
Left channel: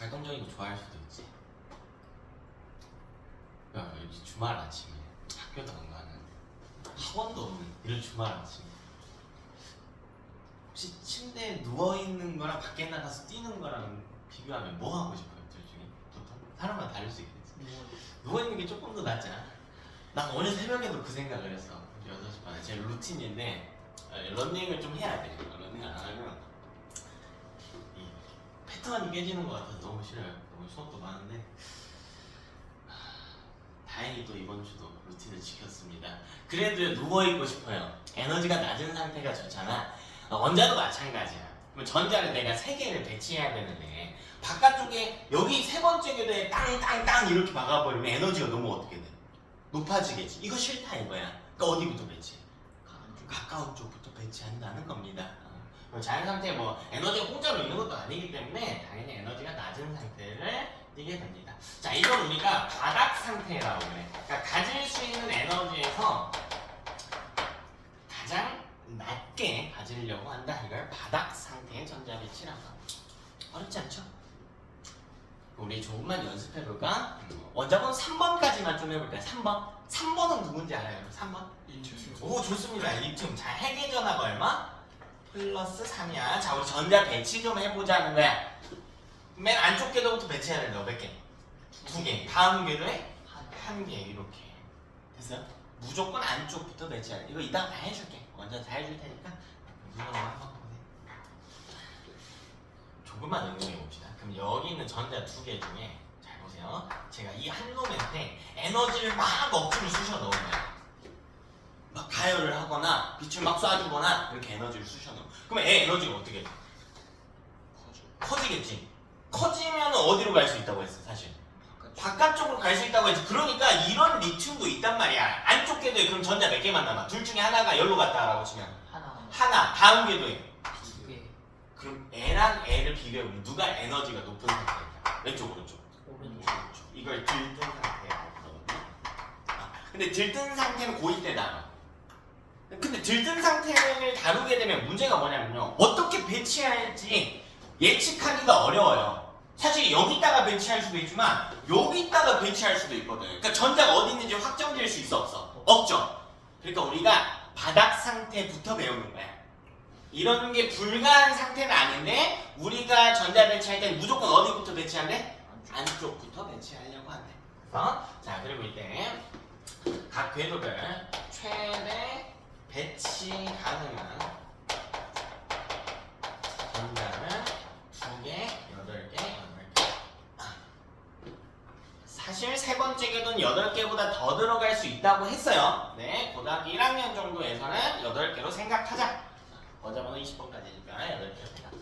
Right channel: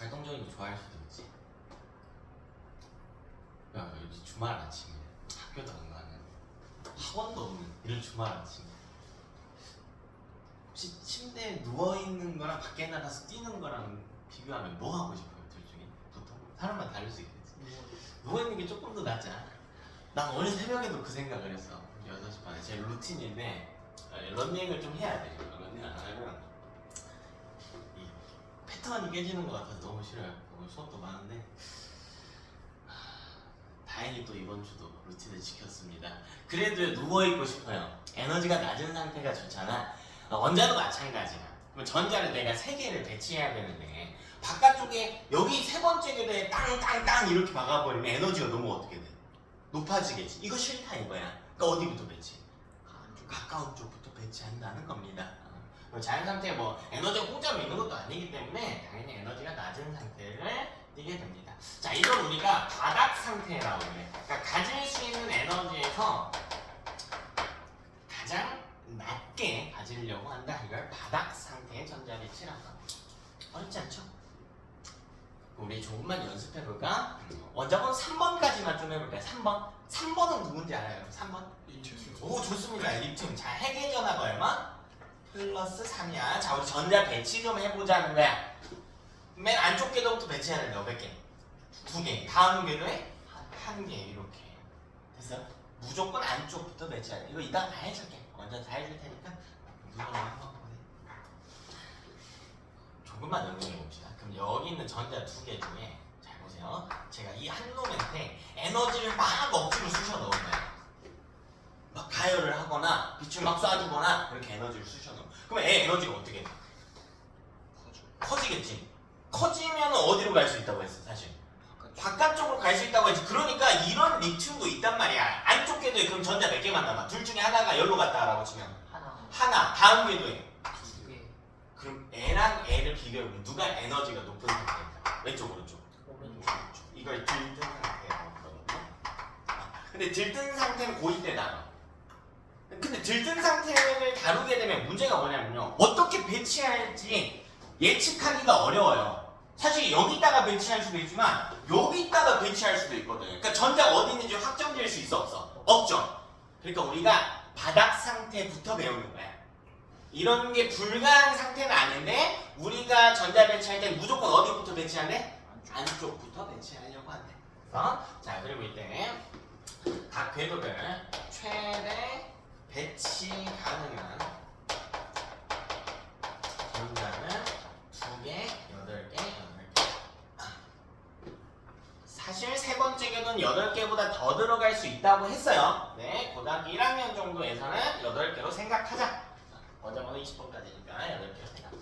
활동적인 거 좋아할 수도 있지. 야, 이 주말 아침에 학교도 안 가는 학원도 없는 이런 주말 아침에 혹시 침대에 누워 있는 거랑 밖에 나가서 뛰는 거랑 비교하면 뭐 하고 싶어요? 둘 중에 보통 사람마다 다를 수 있겠지. 누워 있는 게 조금 더 낫지 않아? 난 오늘 새벽에도 그 생각을 했어. 6시 반에 제 루틴인데 런닝을 좀 해야 돼. 런닝 안 하면 이 패턴이 깨지는 것 같아서 너무 싫어요. 오늘 수업도 많은데 다행히 또 이번 주도 루틴을 지켰습니다. 그래도 누워있고 싶어요. 에너지가 낮은 상태가 좋잖아. 원자도 마찬가지야. 그럼 전자를 내가 3개를 배치해야 되는데 바깥쪽에 여기 세 번째 궤도에 땅땅땅 이렇게 박아버리면 에너지가 너무 어떻게 돼? 높아지겠지. 이거 싫다 이거야. 그러니까 어디부터 배치? 가까운 쪽부터 배치한다는 겁니다. 자연 상태에 뭐 에너지가 공짜로 있는 것도 아니기 때문에 당연히 에너지가 낮은 상태를 띠게 됩니다. 자, 이걸 우리가 바닥 상태라고 그래. 그러니까 가질 수 있는 에너지에서 가장 낮게 가지려고 한다. 이걸 바닥 상태의 전자 배치라고 합니다. 어렵지 않죠? 우리 조금만 연습해볼까? 원자번호 3번까지만 좀 해볼까요? 3번. 3번은 누군지 알아요? 3번? 오, 좋습니다. 입증. 자, 핵의 전하가 얼마? 플러스 3이야. 자, 우리 전자 배치 좀 해보자는 거야. 맨 안쪽 궤도부터 배치해야 된다. 몇 개? 2개. 다음 궤도에 1개. 이렇게. 됐어요? 무조건 안쪽부터 배치해야 돼. 이거 이따가 다 해줄게. 완전 다 해줄 테니까 누구나 한번 보세요. 조금만 응용해 봅시다. 그럼 여기 있는 전자 2개 중에 잘 보세요. 제가 이 한 놈한테 에너지를 막 억지로 쑤셔 넣은 거야. 막 가열을 하거나 빛을 막 쏴주거나 그렇게 에너지를 쑤셔 넣어. 그럼 애 에너지가 어떻게 돼? 커지겠지. 커지면 어디로 갈 수 있다고 했어, 사실? 바깥쪽으로 갈 수 있다고 했지. 그러니까 이런 리튬도 있단 말이야. 안쪽 궤도에 그럼 전자 몇 개만 남아? 둘 중에 하나가 여기로 갔다라고 치면 하나. 다음 궤도에 2개. 그럼 애랑 애를 비교해보면 누가 에너지가 높은 상태일까? 왼쪽 오른쪽? 오른쪽. 이걸 들뜬 상태라고 그러거든요. 근데 들뜬 상태는 고2 때 나요. 근데 들뜬 상태를 다루게 되면 문제가 뭐냐면요, 어떻게 배치할지 예측하기가 어려워요. 사실 여기다가 배치할 수도 있지만 여기다가 배치할 수도 있거든요. 그러니까 전자가 어디 있는지 확정될 수 있어 없어? 없죠. 그러니까 우리가 바닥 상태부터 배우는 거야. 이런 게 불가한 상태는 아닌데 우리가 전자 배치할 때 무조건 어디부터 배치한대? 안쪽부터 배치하려고 한대. 자, 그리고 이때 각 궤도별 최대 배치 가능한 전자는 2개, 8개, 8개. 사실 세 번째 궤도는 8개보다 더 들어갈 수 있다고 했어요. 네, 고등학교 1학년 정도에서는 8개로 생각하자. 원자번호 20번까지니까 8개 생각.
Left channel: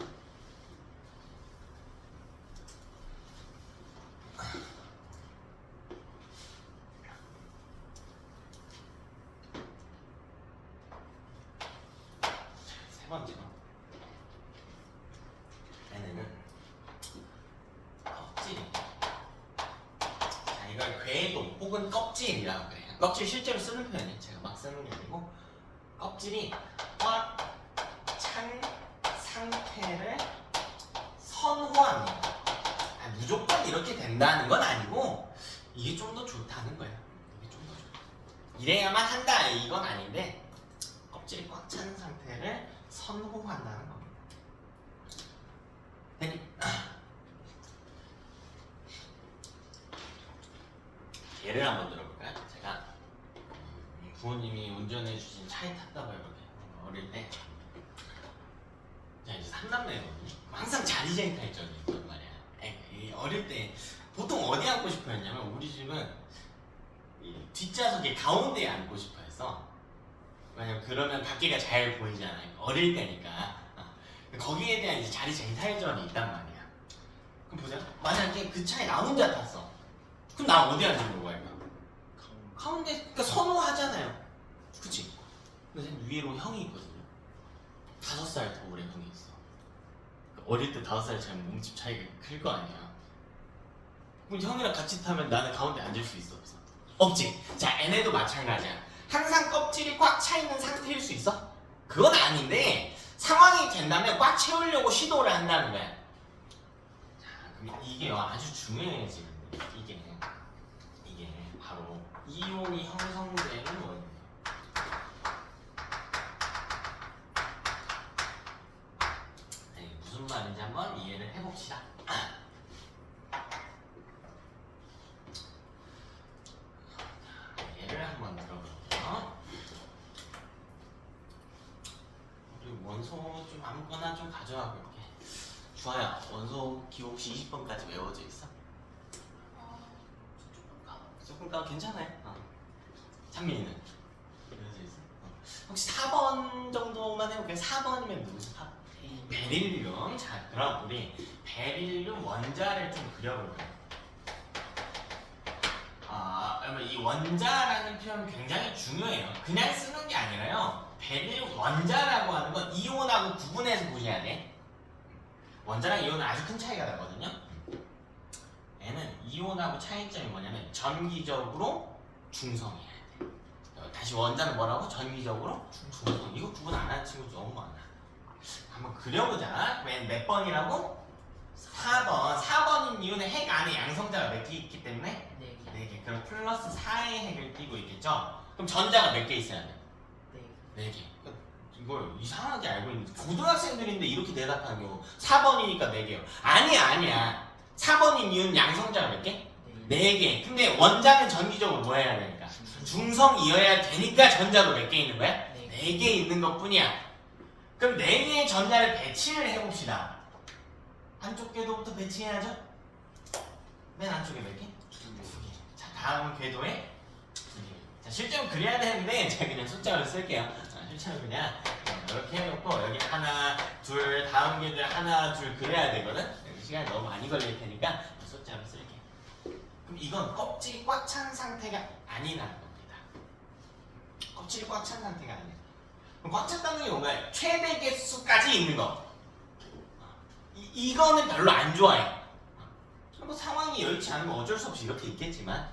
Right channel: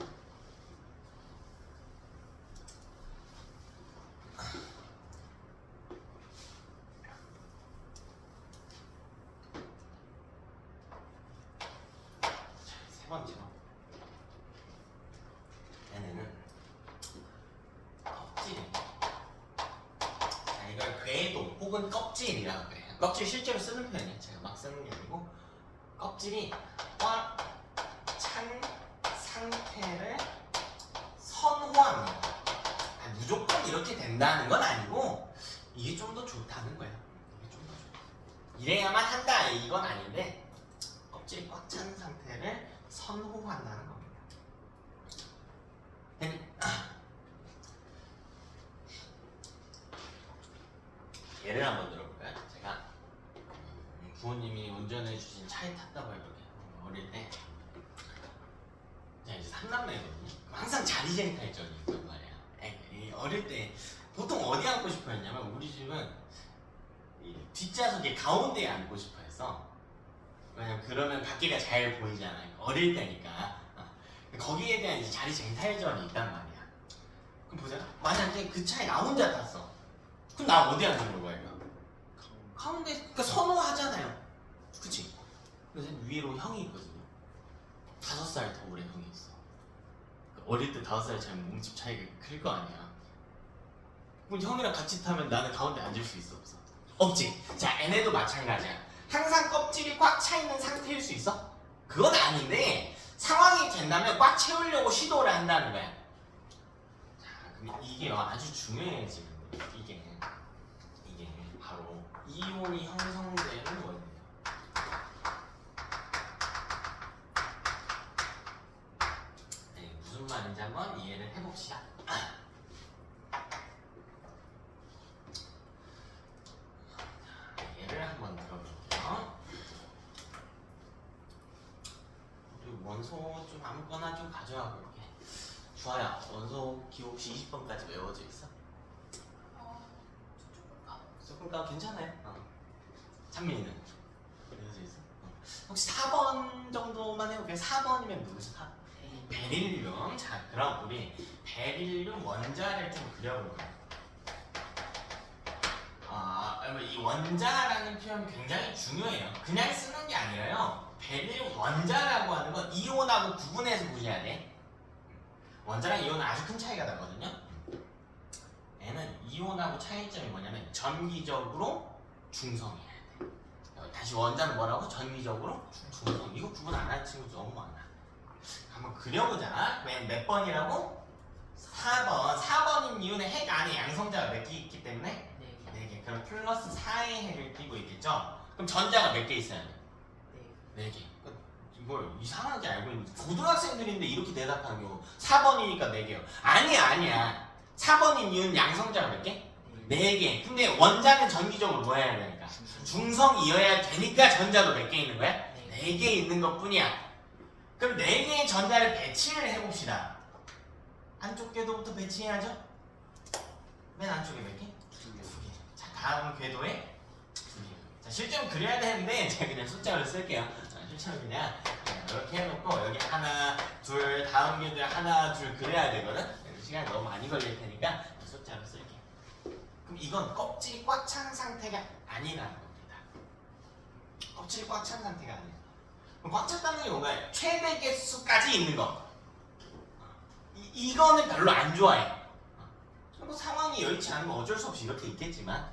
세 번째. 얘네는 껍질이. 자, 이걸 궤도 혹은 껍질이라고 그래요. 껍질 실제로 쓰는 표현이에요. 제가 막 쓰는 게 아니고 껍질이 꽉 찬 상태를 선호합니다. 무조건 이렇게 된다는 건 아니고 이게 좀 더 좋다는 거예요. 이게 좀 더 좋다. 이래야만 한다 이건 아닌데 껍질이 꽉 찬 상태를 선호한다는 겁니다. 예를 한번 들어볼까요? 제가 부모님이 운전해 주신 차에 탔다고 해볼게요. 어릴 때. 자, 이제 3남매거든요. 항상 자리쟁이 탈전이 있단 말이야. 어릴 때 보통 어디 앉고 싶어 했냐면 우리 집은 이 뒷좌석에 가운데에 앉고 싶어 했어. 왜냐면 그러면 밖에가 잘 보이잖아요. 어릴 때니까. 거기에 대한 이제 자리쟁이 탈전이 있단 말이야. 그럼 보자. 만약에 그 차에 나 혼자 탔어. 그럼 나 어디 앉는 거야? 가운데. 그러니까 선호하잖아요. 그치? 근데 위로 형이 있거든요. 5살 더 오래 형이 있어. 어릴 때 5살 차이면 몸집 차이가 클 거 아니야. 그럼 형이랑 같이 타면 나는 가운데 앉을 수 있어 없어? 없지. 자, 얘네도 마찬가지야. 항상 껍질이 꽉 차 있는 상태일 수 있어? 그건 아닌데 상황이 된다면 꽉 채우려고 시도를 한다는 거야. 자, 그럼 이게 아주 중요해지는데 이게 바로 이온이 형성되는 원리예요. 네, 무슨 말인지 한번 이해를 해봅시다. 예를 한번 들어볼게요. 우리 원소 좀 아무거나 좀 가져와 볼게. 주아야, 원소 기호 혹시 20번까지 외워져 있어? 조금 괜찮아요. 찬민이는 외워져 있어? 혹시 4번 정도만 해볼게요. 4번이면 누구지? 베릴륨. 자, 그럼 우리 베릴륨 원자를 좀 그려볼게요. 이 원자라는 표현 굉장히 중요해요. 그냥 쓰는 게 아니라요. 베릴륨 원자라고 하는 건 이온하고 구분해서 보셔야 돼. 원자랑 이온은 아주 큰 차이가 나거든요. 얘는 이온하고 차이점이 뭐냐면 전기적으로 중성이어야 돼. 다시 원자는 뭐라고? 전기적으로 중성. 이거 구분 안 하는 친구 너무 많아. 한번 그려보자. 몇 번이라고? 4번. 4번인 이유는 핵 안에 양성자가 몇 개 있기 때문에 4개. 그럼 플러스 4의 핵을 띄고 있겠죠? 그럼 전자가 몇 개 있어야 돼? 4개. 이걸 이상하게 알고 있는데 고등학생들인데 이렇게 대답하는 경우 4번이니까 4개요. 아니야. 4번인 이유는 양성자가 몇 개? 4개. 근데 원자는 전기적으로 뭐 해야 되니까? 중성이어야 되니까 전자도 몇 개 있는 거야? 4개 있는 것 뿐이야. 그럼 4개의 전자를 배치를 해봅시다. 한쪽 궤도부터 배치해야죠? 맨 안쪽에 몇 개? 2개. 자, 다음 궤도에 2개. 자, 실제로 그려야 되는데 제가 그냥 숫자로 쓸게요. 실제로 그냥 이렇게 해놓고 여기 하나, 둘, 다음 궤도에 하나, 둘 그려야 되거든? 시간이 너무 많이 걸릴 테니까 숫자로 쓸게요. 그럼 이건 껍질이 꽉 찬 상태가 아니라는 겁니다. 껍질이 꽉 찬 상태가 아니에요. 그럼 꽉 찼다는 게 뭔가요? 최대 개수까지 있는 거. 이거는 별로 안 좋아해. 뭐 상황이 여의치 않으면 어쩔 수 없이 이렇게 있겠지만,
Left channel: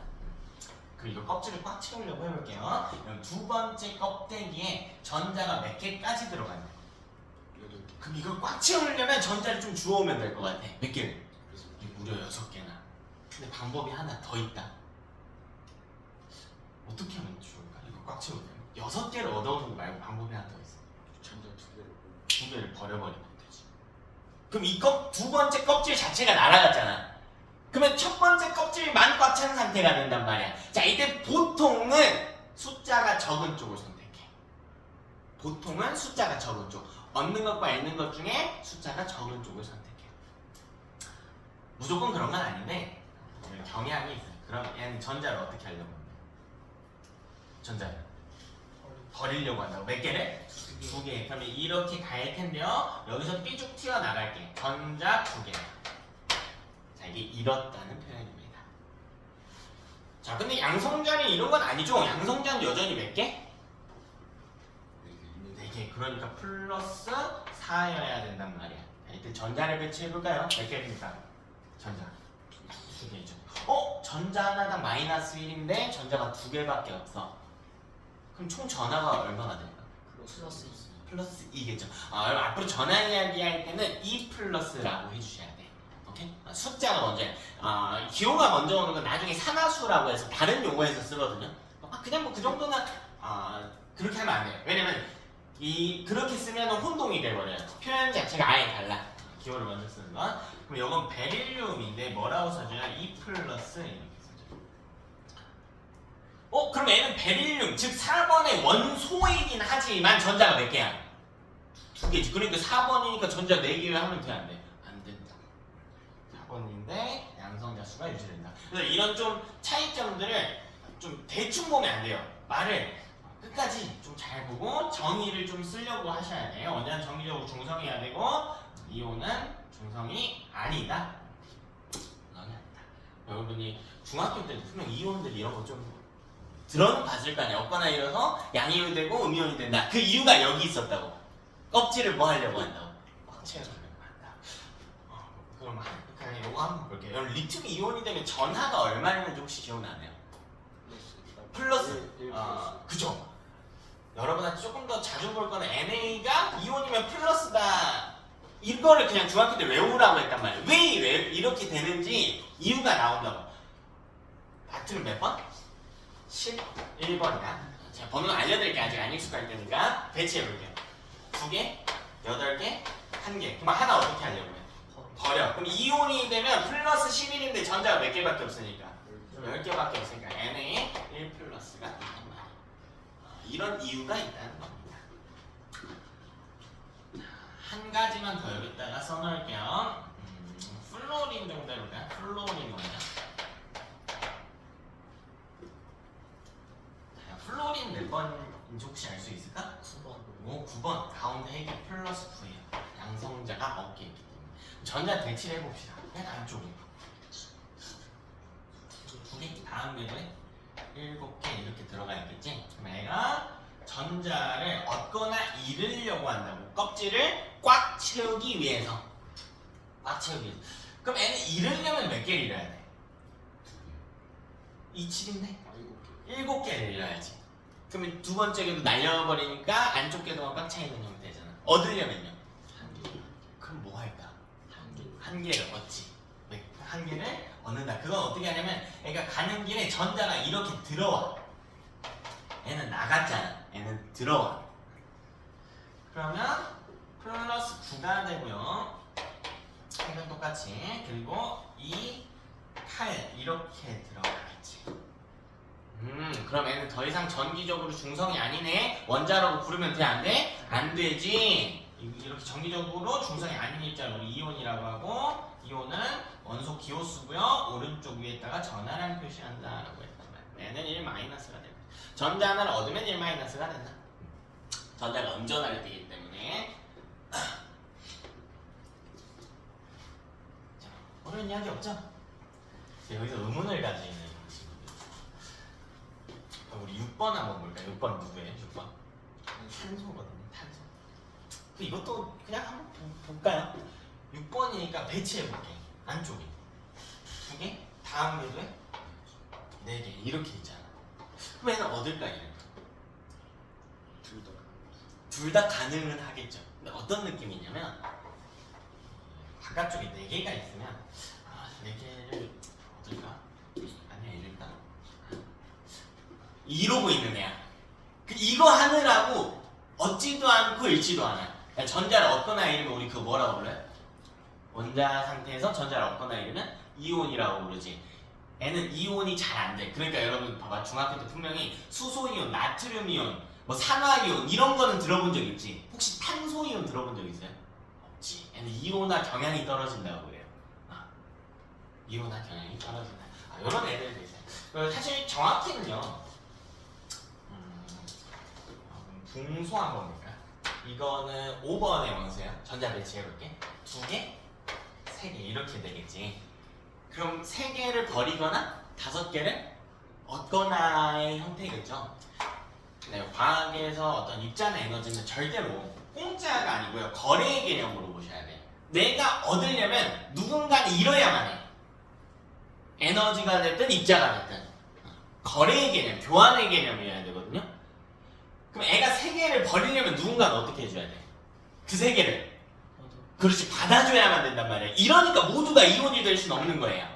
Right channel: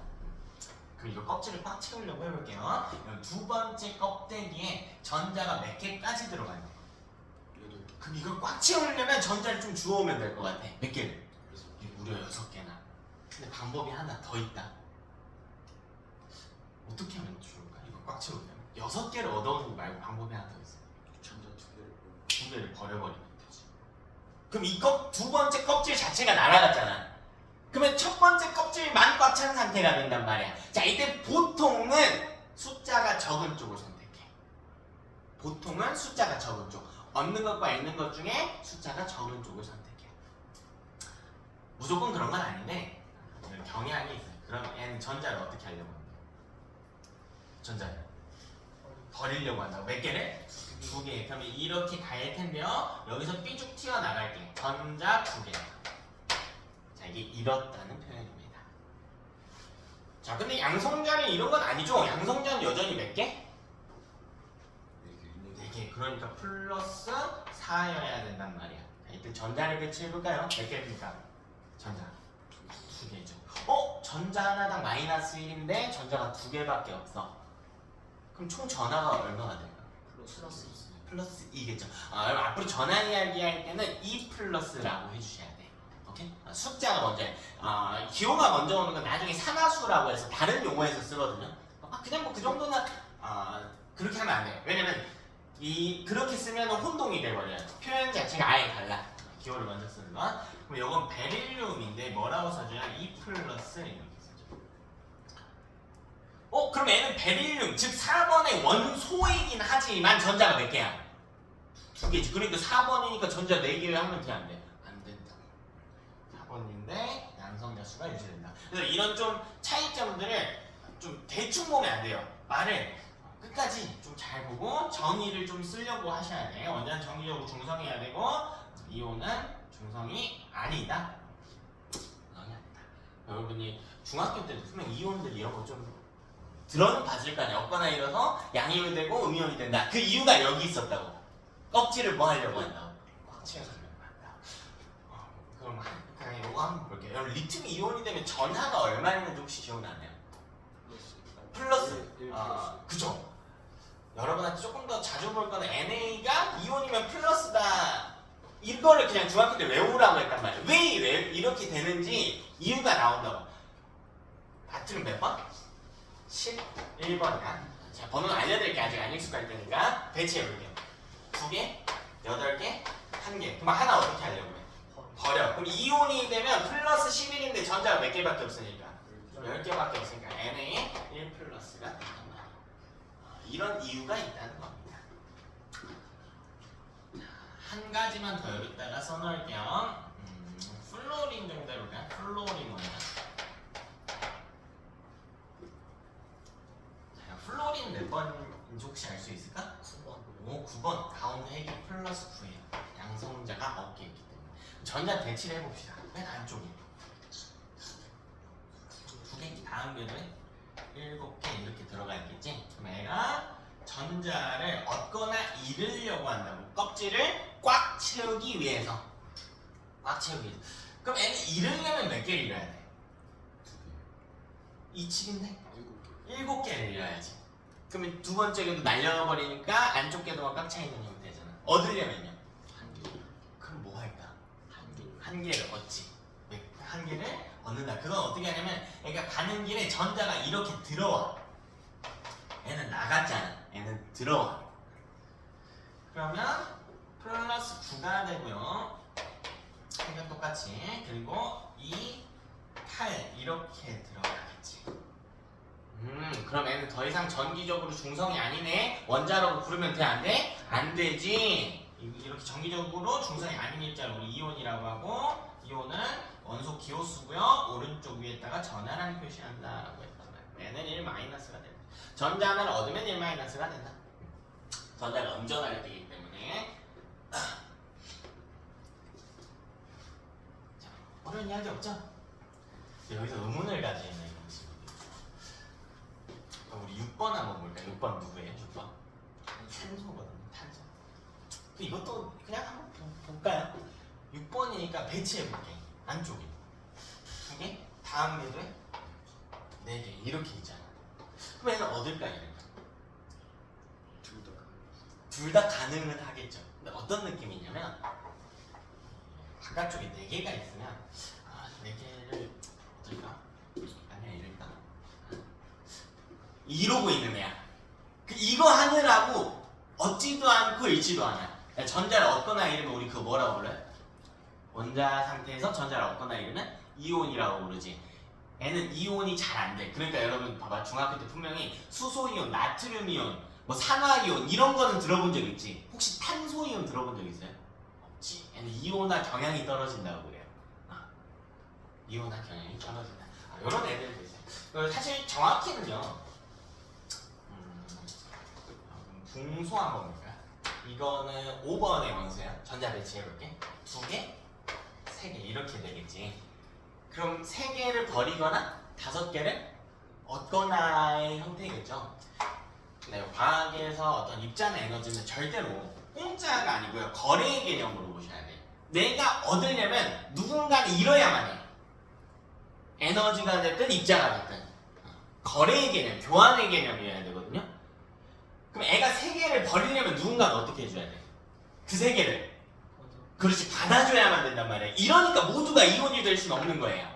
그럼 이거 껍질을 꽉 채우려고 해볼게요. 두 번째 껍데기에 전자가 몇 개까지 들어가요? 그럼 이걸 꽉 채우려면 전자를 좀 주워오면 될 것 같아. 몇 개를? 무려 6개나. 근데 방법이 하나 더 있다. 어떻게 하면 좋을까? 이거 꽉 채우려면 6개를 얻어오는 거 말고 방법이 하나 더 있어. 전자 2개를 버려버리면 되지. 그럼 이 두 번째 껍질 자체가 날아갔잖아. 그러면 첫 번째 껍질만 꽉 찬 상태가 된단 말이야. 자, 이때 보통은 숫자가 적은 쪽을 선택해. 보통은 숫자가 적은 쪽. 얻는 것과 잃는 것 중에 숫자가 적은 쪽을 선택해. 무조건 그런 건 아닌데 경향이 있어요. 그럼 얘는 전자를 어떻게 하려고 합니까? 전자를 버리려고 한다고. 몇 개를? 2개. 그러면 이렇게 갈 텐데요. 여기서 삐죽 튀어나갈게. 전자 2개. 자, 이게 이렇다는 표현입니다. 자, 근데 양성자는 이런 건 아니죠. 양성자는 여전히 몇 개? 4개. 그러니까 플러스 4여야 된단 말이야. 자, 이때 전자를 배치해볼까요? 몇 개입니까? 전자 2개죠. 전자 하나당 마이너스 1인데 전자가 2개밖에 없어. 그럼 총 전하가 얼마가 될까? 플러스 2겠죠. 앞으로 전화 이야기 할 때는 2 플러스라고 해주셔야 돼. 오케이? 숫자가 먼저 기호가 먼저 오는 건 나중에 산화수라고 해서 다른 용어에서 쓰거든요. 그냥 뭐 그 정도는 그렇게 하면 안 돼요. 왜냐면 그렇게 쓰면 혼동이 돼버려요. 표현 자체가 아예 달라. 기호를 먼저 쓰는 건. 그럼 이건 베릴륨인데 뭐라고 써줘요? 2 플러스 이렇게 써줘요. 그럼 얘는 베릴륨, 즉 4번의 원소이긴 하지만 전자가 몇 개야? 2개지. 그러니까 4번이니까 전자 4개 하면 돼, 안 돼? 안 된다. 4번인데 양성자 수가 유지된다. 그래서 이런 좀 차이점들을 좀 대충 보면 안 돼요. 말을 끝까지 좀 잘 보고 정의를 좀 쓰려고 하셔야 돼요. 원자는 정기적으로 중성해야 되고 이온은 중성이 아니다. 여러분이 중학교 때 분명 이온들 이런 거 좀 들어는 봤을 거 아니야. 없거나 이래서 양이온이 되고 음이온이 된다. 그 이유가 여기 있었다고. 껍질을 뭐 하려고 한다고? 꽉 채워주려고 한다. 그럼 그냥 이거 한번 볼게요. 여러분 리튬 이온이 되면 전하가 얼마였는지 혹시 기억나나요? 플러스. 그죠? 여러분한테 조금 더 자주 볼 거는 NA가 이온이면 플러스다. 이거를 그냥 중학교 때 외우라고 했단 말이에요. 왜 이렇게 되는지 이유가 나온다고. 다트는 몇 번? 11번이다. 자, 번호는 알려드릴게요. 아직 안 익숙할 테니까 대체해볼게요. 2개, 8개, 1개. 그럼 하나 어떻게 하려고 해? 버려. 그럼 이온이 되면 플러스 11인데 전자가 몇 개밖에 없으니까 10개밖에 없으니까 NA 1 플러스가 있단 말이에요. 이런 이유가 있다는 겁니다. 한 가지만 더 여기다가 써놓을게요. 플로린 정도 해볼까요? 플로린 뭐냐? 플로린 몇 번인지 혹시 알 수 있을까? 9번. 오, 9번. 가운데 핵이 플러스 9예요. 양성자가 없게 있기 때문에. 전자 대치를 해봅시다. 맨 안쪽에. 2개, 다음 궤도에 7개 이렇게 들어가 있겠지? 그럼 얘가 전자를 얻거나 잃으려고 한다고. 껍질을 꽉 채우기 위해서. 꽉 채우기 위해서. 그럼 얘는 잃으려면 몇 개를 잃어야 돼? 27인데? 7개를 잃어야지. 그러면 두 번째 궤도 날려버리니까 안쪽 궤도가 꽉 차있는 형태잖아. 얻으려면요? 그럼 뭐 할까? 한 개를 얻지. 한 개를 얻는다. 그건 어떻게 하냐면 그러니까 가는 길에 전자가 이렇게 들어와. 얘는 나갔잖아. 얘는 들어와. 그러면 플러스 9가 되고요. 색은 똑같이. 그리고 2, 8 이렇게 들어가겠지. 그럼 얘는 더 이상 전기적으로 중성이 아니네. 원자라고 부르면 돼? 안 돼? 안 되지. 이렇게 전기적으로 중성이 아닌 입자를 우리 이온이라고 하고, 이온은 원소 기호수고요. 오른쪽 위에다가 전하라는 표시한다라고 했단 말이야. 얘는 1 마이너스가 된다. 전자 하나를 얻으면 1 마이너스가 된다. 전자가 음전하게 되기 때문에. 자, 어려운 이야기 없죠? 여기서 의문을 가지는. 우리 6번 한번 볼까요? 6번 누구예요? 6번? 탄소거든요. 탄소. 이것도 그냥 한번 볼까요? 6번이니까 배치해볼게요. 안쪽에 2개, 다음 궤도에 4개 이렇게 있잖아. 그럼 얘는 얻을까 이럴까? 둘 다 가능은 하겠죠. 근데 어떤 느낌이냐면 바깥쪽에 4개가 있으면 4개를 얻을까? 아니야 이럴까? 이러고 있는 애야. 이거 하느라고 얻지도 않고 잃지도 않아요. 전자를 얻거나 잃으면 우리 그거 뭐라고 불러요? 원자 상태에서 전자를 얻거나 잃으면 이온이라고 부르지. 얘는 이온이 잘 안 돼. 그러니까 여러분 봐봐. 중학교 때 분명히 수소이온, 나트륨이온, 뭐 산화이온 이런 거는 들어본 적 있지. 혹시 탄소이온 들어본 적 있어요? 없지. 얘는 이온화 경향이 떨어진다고 그래요. 이온화 경향이 떨어진다. 이런 애들도 있어요. 사실 정확히는요. 분수 한번 볼까요? 이거는 5번의 원소야. 전자 배치해볼게. 2개, 3개 이렇게 되겠지. 그럼 3개를 버리거나 5개를 얻거나의 형태겠죠. 네, 과학에서 어떤 입자나 에너지는 절대로 공짜가 아니고요. 거래의 개념으로 보셔야 돼요. 내가 얻으려면 누군가는 잃어야만 해. 에너지가 됐든 입자가 됐든. 거래의 개념, 교환의 개념이어야 되거든요. 그럼 애가 3개를 버리려면 누군가는 어떻게 해줘야 돼? 그 3개를 그렇지 받아줘야만 된단 말이야. 이러니까 모두가 이온이 될 수는 없는 거예요.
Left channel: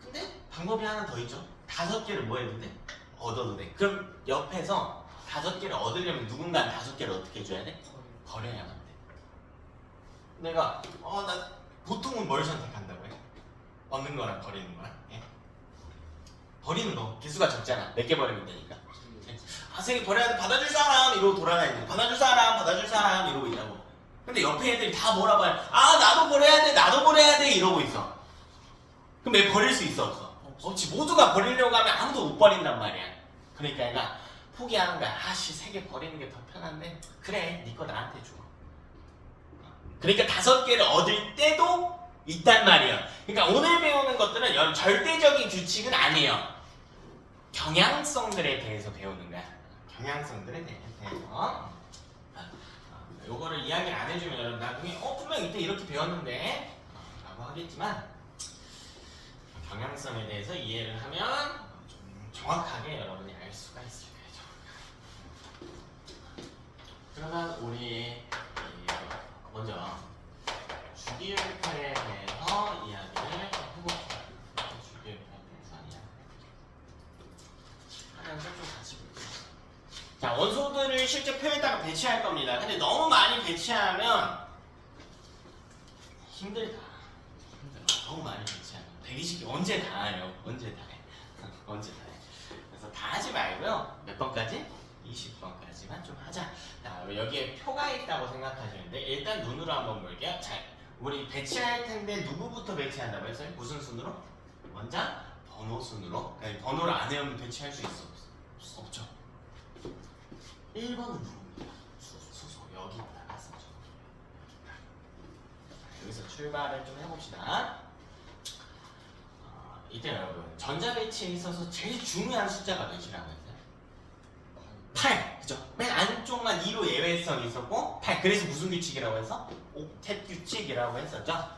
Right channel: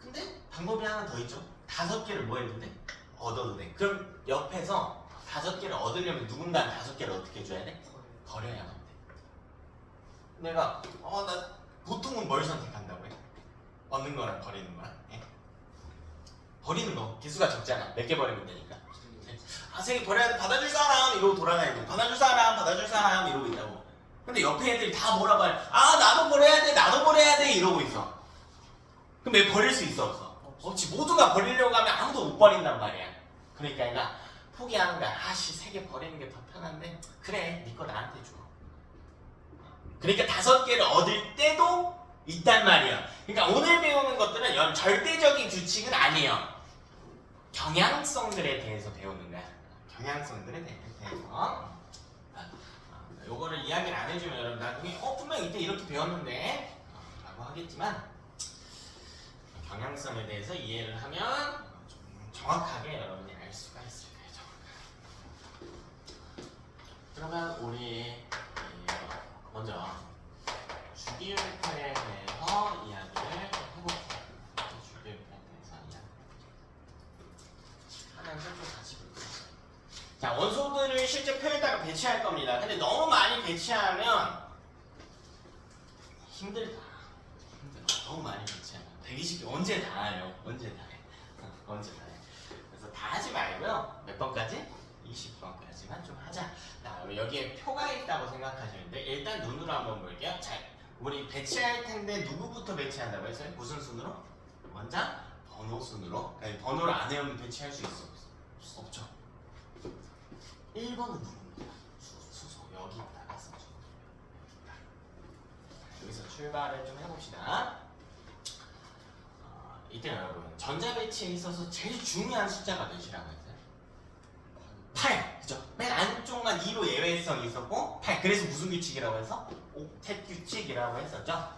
근데 방법이 하나 더 있죠. 5개를 뭐 해도 돼? 얻어도 돼. 그럼 옆에서 5개를 얻으려면 누군가는 5개를 어떻게 해줘야 돼? 버려야만 돼. 내가 나 보통은 뭘 선택한다고 해? 얻는 거랑 버리는 거랑? 예? 버리는 거 개수가 적잖아. 몇 개 버리면 되니까. 3개 버려야 돼. 받아줄 사람 이러고 돌아다니죠. 받아줄 사람 이러고 있다고. 근데 옆에 애들이 다 뭐라고 해? 나도 버려야 돼. 나도 버려야 돼. 이러고 있어. 그럼 왜 버릴 수 있어 없어? 없지. 모두가 버리려고 하면 아무도 못 버린단 말이야. 그러니까 얘가 포기하는 거야. 3개 버리는 게 더 편한데 그래 네 거 나한테 줘. 그러니까 5개를 얻을 때도 있단 말이에요. 그러니까 오늘 배우는 것들은 절대적인 규칙은 아니에요. 경향성들에 대해서 배우는 거야. 경향성들에 대해서. 요거를 이야기를 안 해주면 여러분 나중에 분명 이때 이렇게 배웠는데 라고 하겠지만 경향성에 대해서 이해를 하면 좀 정확하게 여러분이 알 수가 있을 거예요. 그러면 우리 먼저 주기율표에 대해서 이야기를 해볼게요. 주기율표에 대해서 이야기 하면서 좀 같이 볼게요. 자, 원소들을 실제 표에다가 배치할 겁니다. 근데 너무 많이 배치하면 힘들다. 너무 많이 배치하면 120개 언제 다 해요? 언제 다 해? 언제 다 해? 그래서 다 하지 말고요. 몇 번까지? 20번까지만 좀 하자. 자, 여기에 표가 있다고 생각하시는데 일단 눈으로 한번 볼게요. 자, 우리 배치할 텐데 누구부터 배치한다고 했어요? 무슨 순으로? 원자 번호 순으로. 그러니까 번호를 안 외우면 배치할 수 있어? 없죠. 1번은 누굽니까? 수소. 여기다가 써줘. 여기서 출발을 좀 해봅시다. 이때 여러분 전자 배치에 있어서 제일 중요한 숫자가 몇이라고 했어요? 8. 그죠? 맨 안쪽만 2로 예외성이 있었고 8. 그래서 무슨 규칙이라고 해서? 옥텟 규칙이라고 했었죠?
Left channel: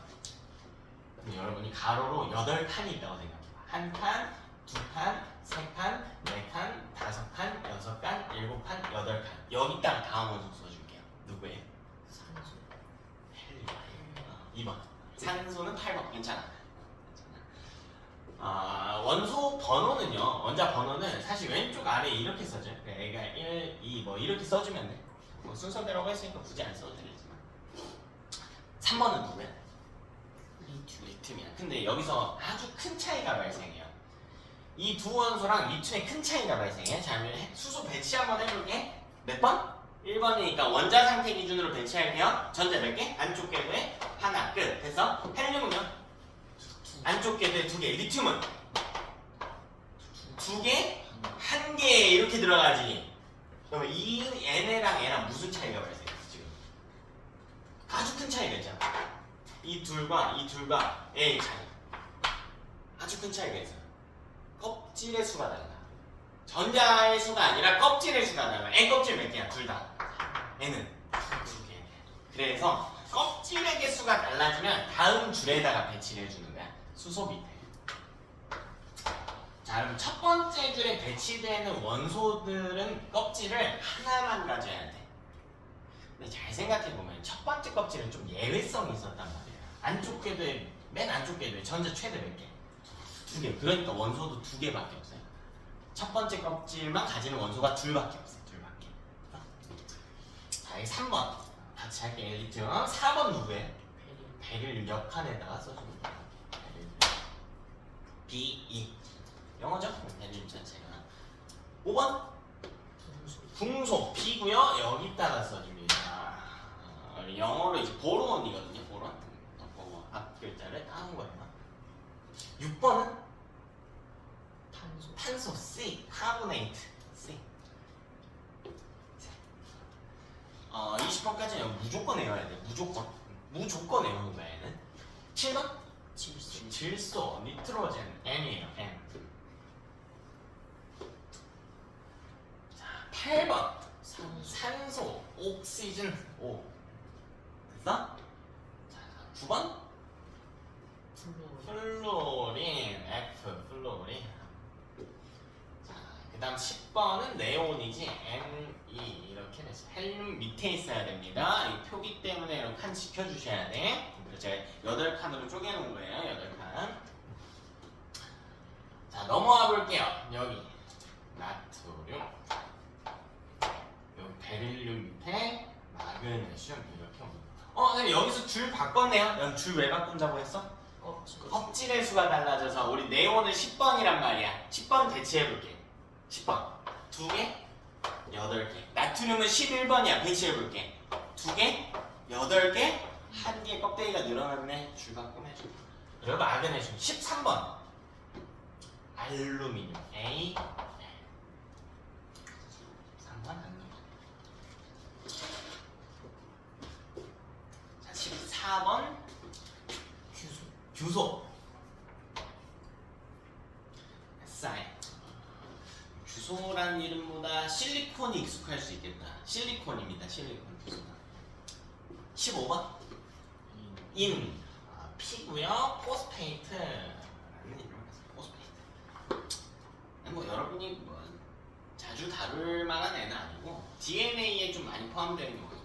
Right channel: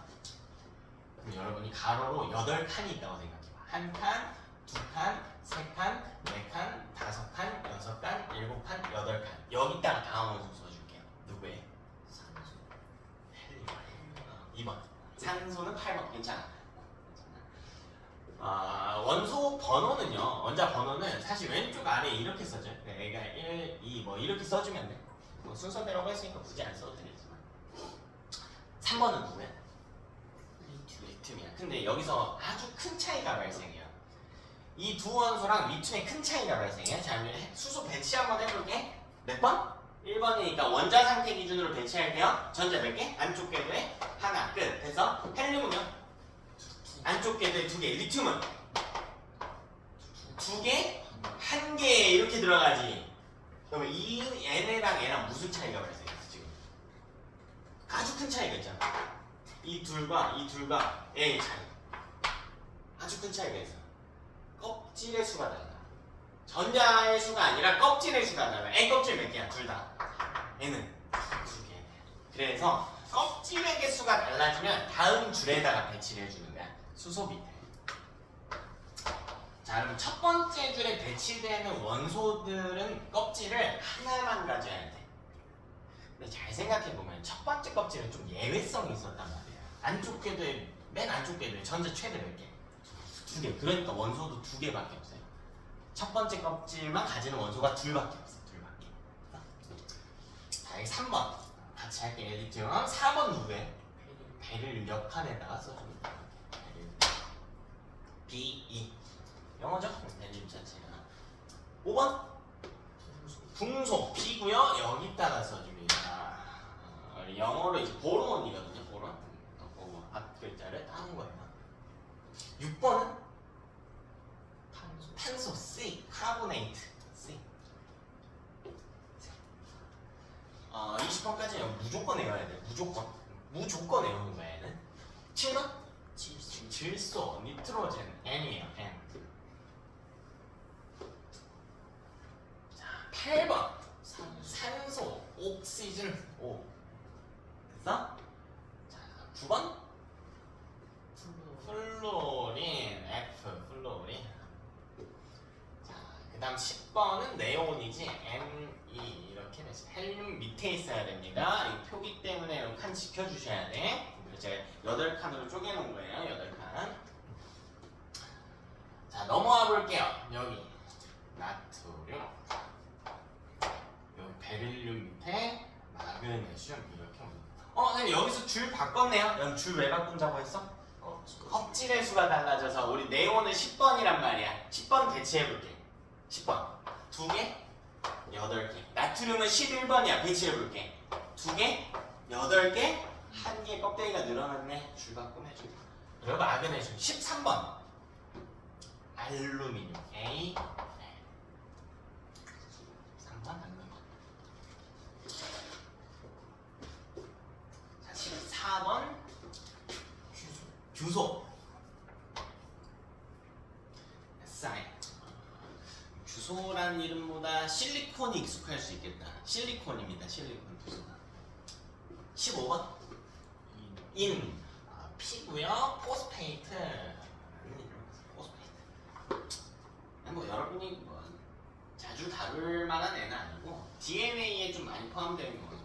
그럼 여러분이 가로로 8칸이 있다고 생각해봐. 한 칸, 두 칸, 세 칸, 네 칸, 다섯 칸, 여섯 칸, 일곱 칸, 여덟 칸. 여기다가 다음 원소 써줄게요. 누구예요? 산소. 헬륨. 2번. 산소는 8번. 괜찮아. 원소 번호는요. 원자 번호는 사실 왼쪽 아래에 이렇게 써져요. 얘가 1, 2 뭐 이렇게 써주면 돼. 뭐 순서대로 했으니까 굳이 안 써도 되겠지만. 3번은 누구야? 리튬이야. 근데 여기서 아주 큰 차이가 발생해요. 이 두 원소랑 리튬에 큰 차이가 발생해. 자, 수소 배치 한번 해볼게. 몇 번? 1번이니까 원자 상태 기준으로 배치할게요. 전자 몇 개? 안쪽 궤도에 하나. 끝. 그래서 헬륨은요? 안쪽 궤도에 2개. 리튬은? 2개? 1개 이렇게 들어가지. 그러면 이 얘네랑 얘랑 무슨 차이가 발생했어 지금? 아주 큰 차이가 있잖아. 이 둘과 얘의 차이. 아주 큰 차이가 있어요. 껍질의 수가 달라. 전자의 수가 아니라 껍질의 수가 달라. N 껍질 몇 개야? 둘 다. N은 2개. 그래서 껍질의 개수가 달라지면 다음 줄에다가 배치를 해주는 거야. 수소 밑에. 자, 그럼 첫 번째 줄에 배치되는 원소들은 껍질을 하나만 가져야 돼. 근데 잘 생각해보면 첫 번째 껍질은 좀 예외성이 있었단 말이야. 안쪽 궤도에, 맨 안쪽 궤도에 전자 최대 몇 개? 2개. 그러니까 원소도 2개밖에 없어요. 첫 번째 껍질만 가지는 원소가 둘밖에 없어요. 둘밖에. 자, 여기 3번. 같이 할게. 리튬. 4번 누구예요? 베릴 역할에다가 써주면 돼요. 베릴. B2. 영어죠? 베릴 자체가. 5번. 붕소. B고요. 여기다가 써줍니다. 영어로 이제 보론이거든요. 보론. 보고 앞 글자를 따는 거예요. 6번은 탄소 C, 카보네이트 C. 20번까지는 무조건 외워야 돼. 무조건 외우는 거야 얘는. 7번? 질소, 니트로젠, M이에요. M. 자, 8번 산소, 옥시즌 O. 됐어? 자, 9번 플로린, F, 플로린. 자, 그 다음 10번은 네온이지, Ne 이렇게 되지. 헬륨 밑에 있어야 됩니다. 이 표기 때문에 이렇게 칸 지켜주셔야 돼. 그래서 제가 8칸으로 쪼개놓은 거예요. 8칸. 자, 넘어와 볼게요. 여기 나트륨, 여기 베릴륨 밑에 마그네슘 이렇게 옵니다. 근데 여기서 줄 바꿨네요. 여기 줄 왜 바꾼다고 했어? 껍질의 수가 달라져서 우리 네온은 10번이란 말이야. 10번 배치해볼게. 10번 2개, 8개. 나트륨은 11번이야. 배치해볼게. 2개, 8개, 1개. 껍데기가 늘어났네. 줄 바꾸네. 그리고 마그네슘 13번 알루미늄 A. 3번 알루미늄. 14번 규소. SI. 규소라는 이름보다 실리콘이 익숙할 수 있겠다. 실리콘입니다. 실리콘 규소가. 15번 인 P고요. 포스페이트. 뭐 여러분이 뭐 자주 다룰 만한 애는 아니고 DNA에 좀 많이 포함되어 있는 거죠.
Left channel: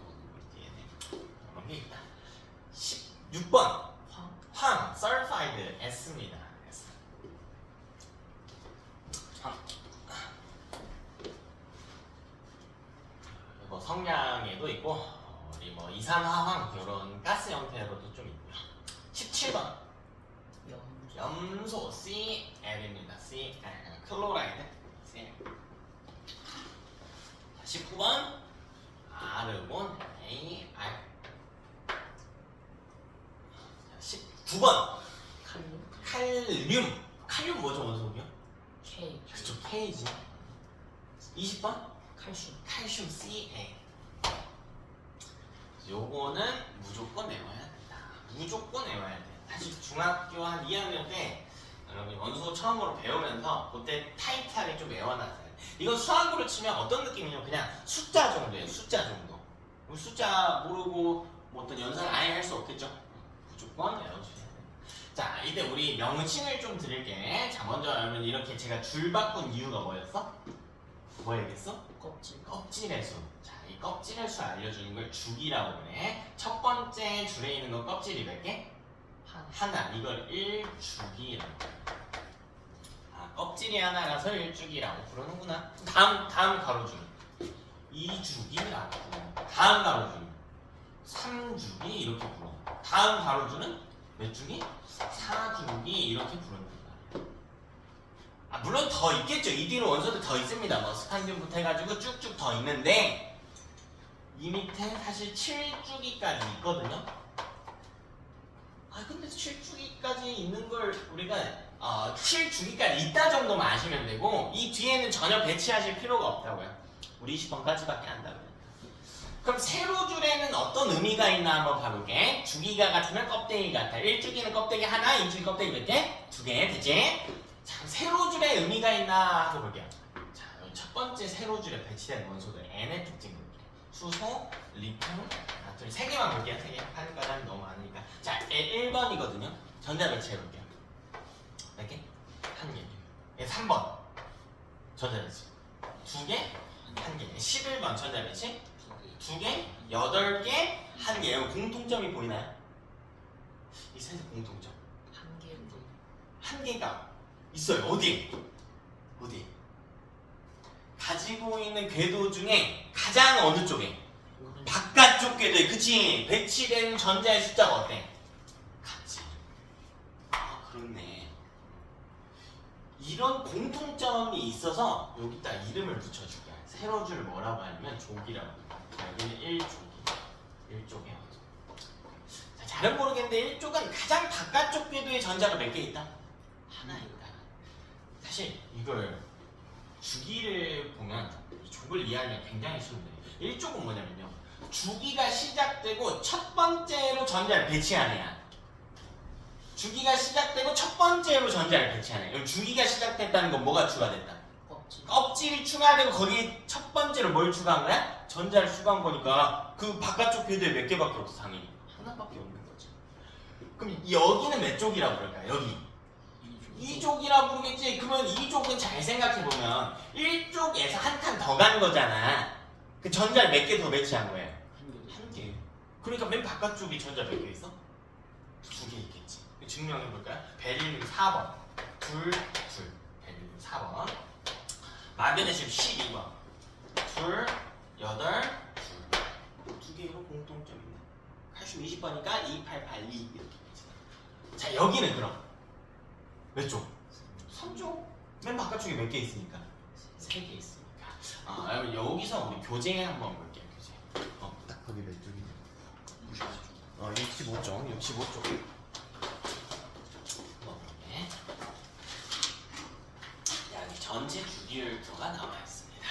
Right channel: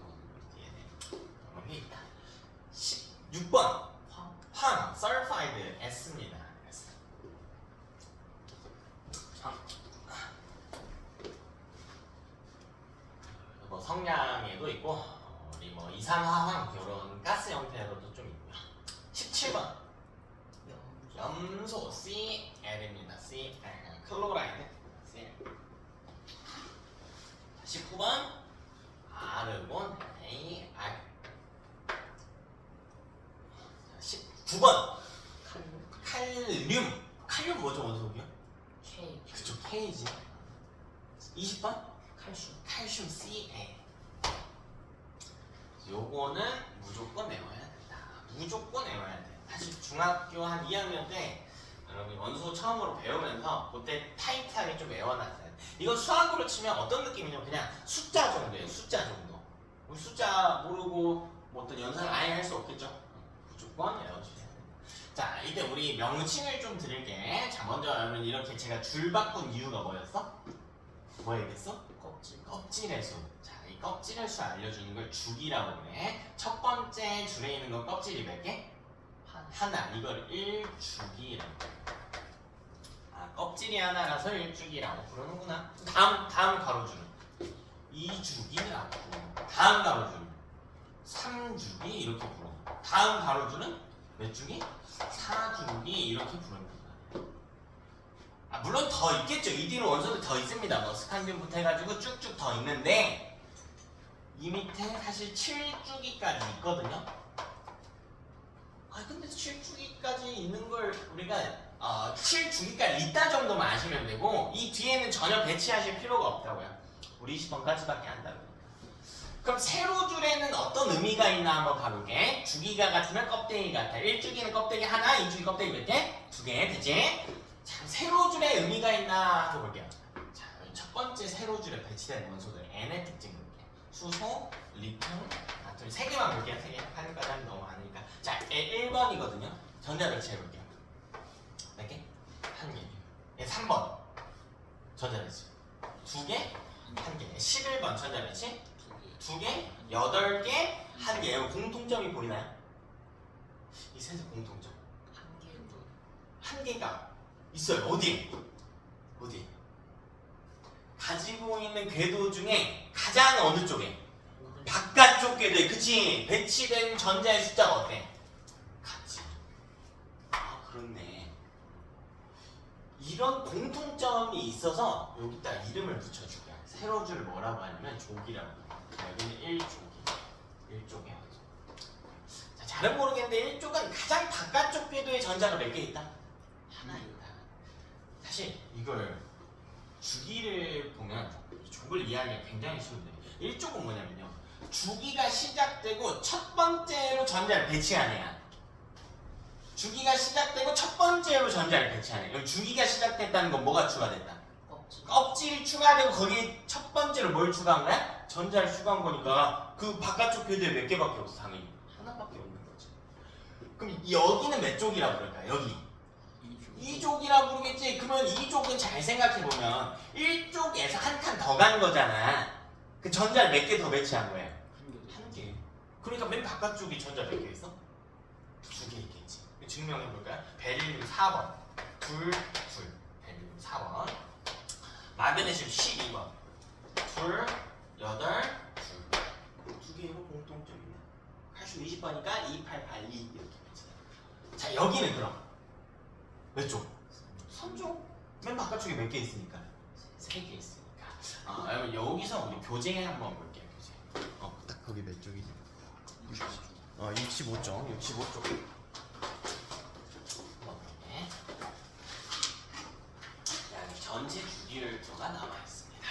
DNA. 그런 게 있다. 16번 황 설파이드 S입니다. S. 뭐 성냥에도 있고 우리 뭐 이산화황 이런 가스 형태로도 좀 있고요. 17번 염소 CL입니다. CL 클로라이드 CL. 19번 아르곤 AR. 19번 칼륨. 칼륨 뭐죠 원소고요? K 그쵸 K지. 20번 칼슘 CA. 요거는 무조건 외워야 된다. 무조건 외워야 돼. 사실 중학교 한 2학년 때 여러분 원소 처음으로 배우면서 그때 타이트하게 좀 외워놨어요. 이건 수학으로 치면 어떤 느낌이냐면 그냥 숫자 정도예요. 숫자 정도. 우리 숫자 모르고 뭐 어떤 연산을 아예 할 수 없겠죠. 무조건 외워주셔야 된다. 자, 이때 우리 명칭을 좀 드릴게. 자, 먼저 여러분 이렇게 제가 줄 바꾼 이유가 뭐였어? 뭐였겠어? 껍질 껍질의 수. 자, 이 껍질의 수 알려주는 걸 죽이라고 그래. 첫 번째 줄에 있는 거 껍질이 몇 개? 하나. 이걸 1주기라고. 아, 껍질이 하나라서 1주기라고 부르는구나. 다음 가로줄 2주기라고 부르고, 다음 가로줄은 3주기 이렇게 부르고, 다음 가로줄은 몇 주기? 4주기 이렇게 부르는 거야. 아, 물론 더 있겠죠. 이 뒤로 원소도 더 있습니다. 뭐 스칸듐부터 해가지고 쭉쭉 더 있는데 이 밑에 사실 7주기까지 있거든요. 아 근데 7주기까지 있는 걸 우리가 7주기까지 있다 정도만 아시면 되고 이 뒤에는 전혀 배치하실 필요가 없다고요. 우리 20번까지밖에 한다고요. 그럼 세로줄에는 어떤 의미가 있나 한번 봐볼게. 주기가 같으면 껍데기 같아. 1주기는 껍데기 하나, 2주기 껍데기 몇 개? 2개, 되지? 자, 세로줄에 의미가 있나 하고 볼게요. 자, 첫 번째 세로줄에 배치된 원소들 N의 특징 볼게요. 수소, 리튬, 나트륨 3개만 볼게요. 3개. 하늘까지 하면 너무 많으니까. 자, 1번이거든요. 전자 배치 해볼게요. 몇 개? 1개. 3번. 전자 배치. 2개? 1개. 11번 전자 배치. 2개? 8개? 1개. 공통점이 보이나요? 이 셋의 공통점. 한 개가 있어요. 어디? 가지고 있는 궤도 중에 가장 어느 쪽에? 바깥쪽 궤도에. 그치? 배치된 전자의 숫자가 어때? 같지. 아 그렇네. 이런 공통점이 있어서 여기다 이름을 붙여줄게요. 세로줄 뭐라고 하냐면 족이라고 해요. 여기는 1족이야. 자, 잘은 모르겠는데 1족은 가장 바깥쪽 궤도에 전자가 몇 개 있다? 하나 있다. 사실 이걸 주기를 보면 이 족을 이해하기가 굉장히 쉬운데 1족은 뭐냐면요. 주기가 시작되고 첫 번째로 전자를 배치한 애야. 주기가 시작되고 첫 번째로 전자를 배치한 애야. 주기가 시작됐다는 건 뭐가 추가됐다? 껍질이 추가되고 거기에 첫 번째로 뭘 추가한 거야? 전자를 추가한 거니까 그 바깥쪽 궤도에 몇 개밖에 없어 당연히. 하나밖에 없는 거지. 그럼 여기는 몇 족이라고 그럴까? 여기 2족이라 부르겠지. 그러면 2족은 잘 생각해보면 1족에서 한 칸 더 간 거잖아. 그 전자를 몇 개 더 배치한 거예요? 한 개. 그러니까 맨 바깥쪽이 전자 몇 개 있어? 2개 있겠지. 증명해볼까요? 베릴륨 4번 둘 베릴륨 4번 마그네슘 12번 둘 8 2 개로 공통점이 있네. 칼슘 20번이니까 2882 이렇게 배치다. 자 여기는 그럼 몇 쪽? 3쪽. 맨 바깥쪽에 몇 개 있으니까? 3개 있으니까. 여러분 여기서 우리 교재 한번 볼게요. 교재. 딱 거기 몇 쪽이지? 65쪽. 65쪽. 여기 전체 주기율표가 나와 있습니다.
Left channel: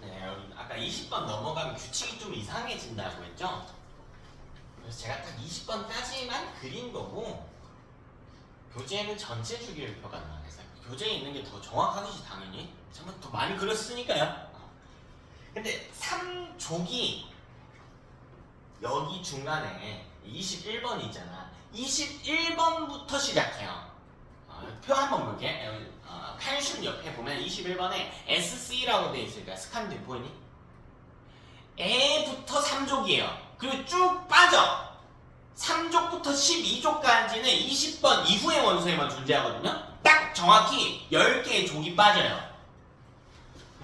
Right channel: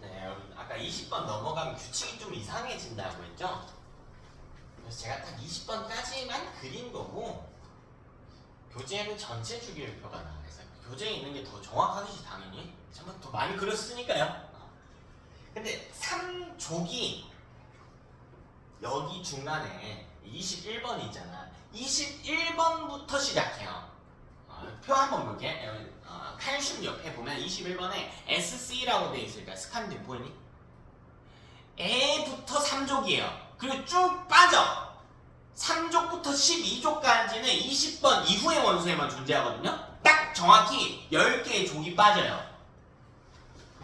네, 여러분 아까 20번 넘어가면 규칙이 좀 이상해진다고 했죠? 그래서 제가 딱 20번까지만 그린 거고 교재에는 전체 주기율표가 나와 있어요. 교재에 있는 게 더 정확하겠지 당연히. 정말 더 많이 그렸으니까요. 근데 3족이 여기 중간에 21번이 있잖아. 21번부터 시작해요. 표 한번 볼게. 칼슘 옆에 보면 21번에 SC라고 돼 있으니까 스칸딘 보이니? A부터 3족이에요. 그리고 쭉 빠져. 3족부터 12족까지는 20번 이후의 원소에만 존재하거든요. 딱 정확히 10개의 족이 빠져요.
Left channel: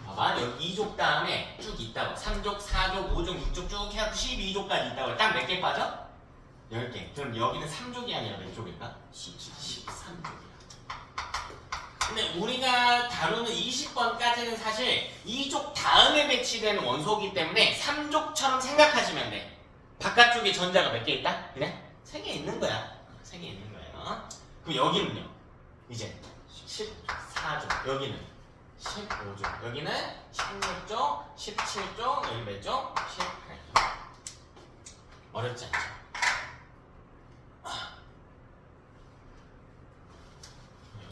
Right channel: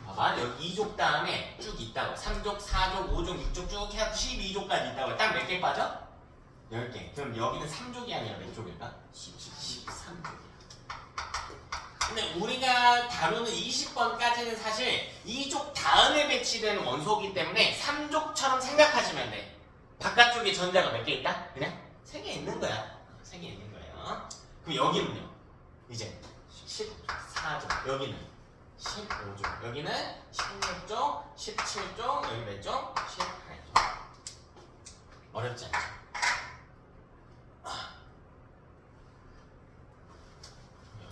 봐봐, 여기 2족 다음에 쭉 있다고. 3족, 4족, 5족, 6족 쭉 해서 12족까지 있다고. 딱 몇 개 빠져? 10개. 그럼 여기는 3족이 아니라 몇 족일까? 13족이야. 근데 우리가 다루는 20번까지는 사실 2족 다음에 배치되는 원소이기 때문에 3족처럼 생각하시면 돼. 바깥쪽에 전자가 몇 개 있다? 그냥 3개 있는 거야. 3개 있는 거예요. 그럼 여기는요? 이제 14족. 여기는 15족. 여기는 16족, 17족, 여기 몇 족? 18족. 어렵지 않죠?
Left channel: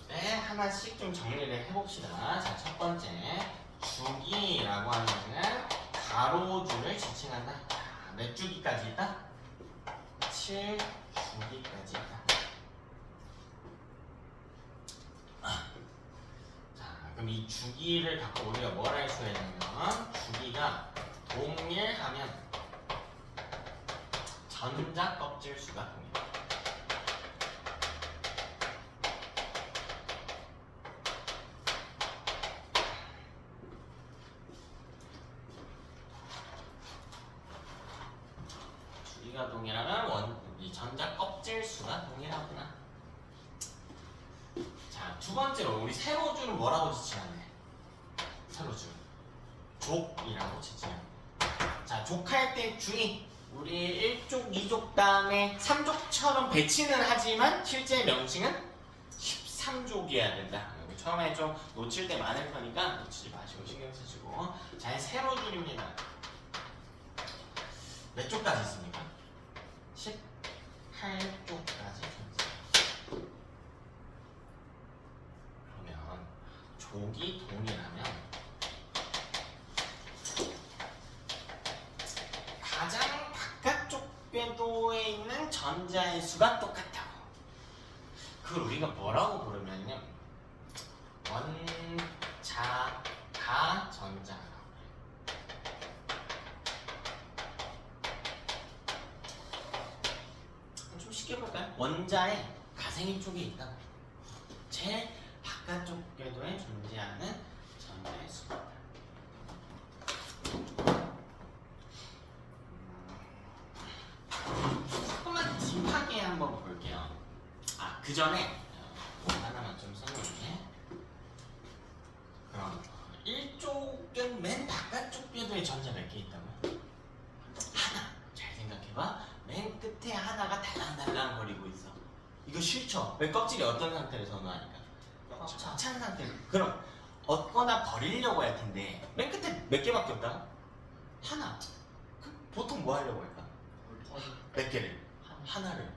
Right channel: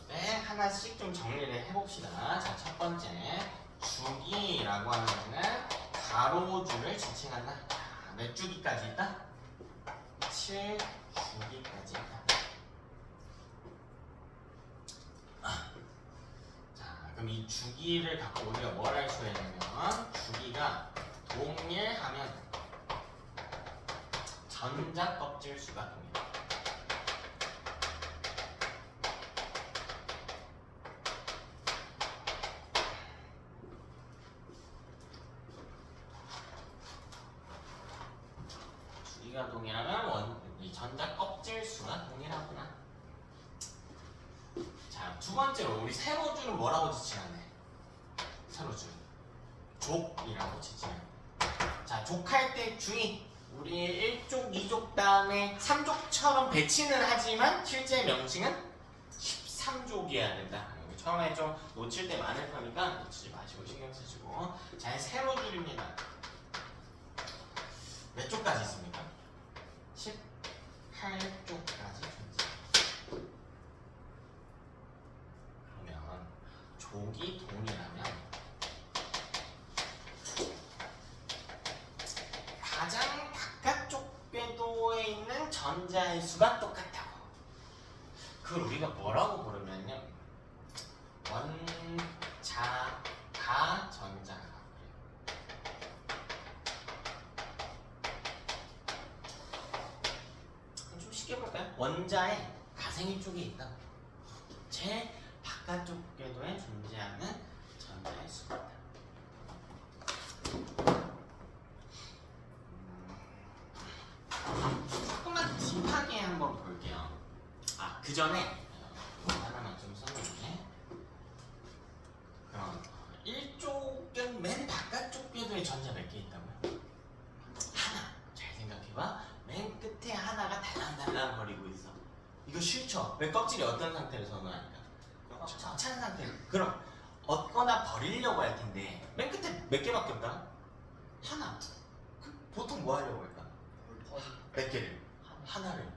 네, 하나씩 좀 정리를 해봅시다. 자, 첫 번째 주기라고 하면은 가로줄을 지칭한다. 몇 주기까지 있다? 7주기까지 있다. 자, 그럼 이 주기를 갖고 우리가 뭘 할 수 있냐면 주기가 동일하면 전자 껍질 수가 동일. 주기가 동일하면 이 전자 껍질 수가 동일하구나. 자, 두 번째로 우리 세로줄은 뭐라고 지칭하냐? 세로줄 족이라고 지칭합니다. 자, 족할 때 주의. 우리 1족, 2족 다음에 3족처럼 배치는 하지만 실제 명칭은 13족이어야 된다. 처음에 좀 놓칠 때 많을 거니까 놓치지 마시고 신경 쓰시고. 자, 세로줄입니다. 몇 쪽까지 있습니까? 18쪽까지 존재. 그러면 족이 동일하면 가장 바깥쪽 궤도에 있는 전자의 수가 똑같다고. 그걸 우리가 뭐라고 부르면요, 원자가 전자가. 좀 쉽게 볼까요? 원자에 가생인 쪽이 있다고. 제일 바깥쪽 궤도에 존재하는 전자의 수가 있다. 조금만 딥하게 한번 볼게요. 그 전에 하나만 좀 써놓을게. 그럼 1쪽은 맨 바깥쪽 궤도에 전자 몇 개 있다고요? 하나. 잘 생각해봐. 맨 끝에 하나가 달랑달랑 거리고 있어. 이거 싫죠? 왜 껍질이 어떤 상태로 선호하니까? 찬 상태로. 그럼 얻거나 버리려고 할 텐데 맨 끝에 몇 개밖에 없다? 하나. 보통 뭐 하려고 할까? 몇 개를? 하나를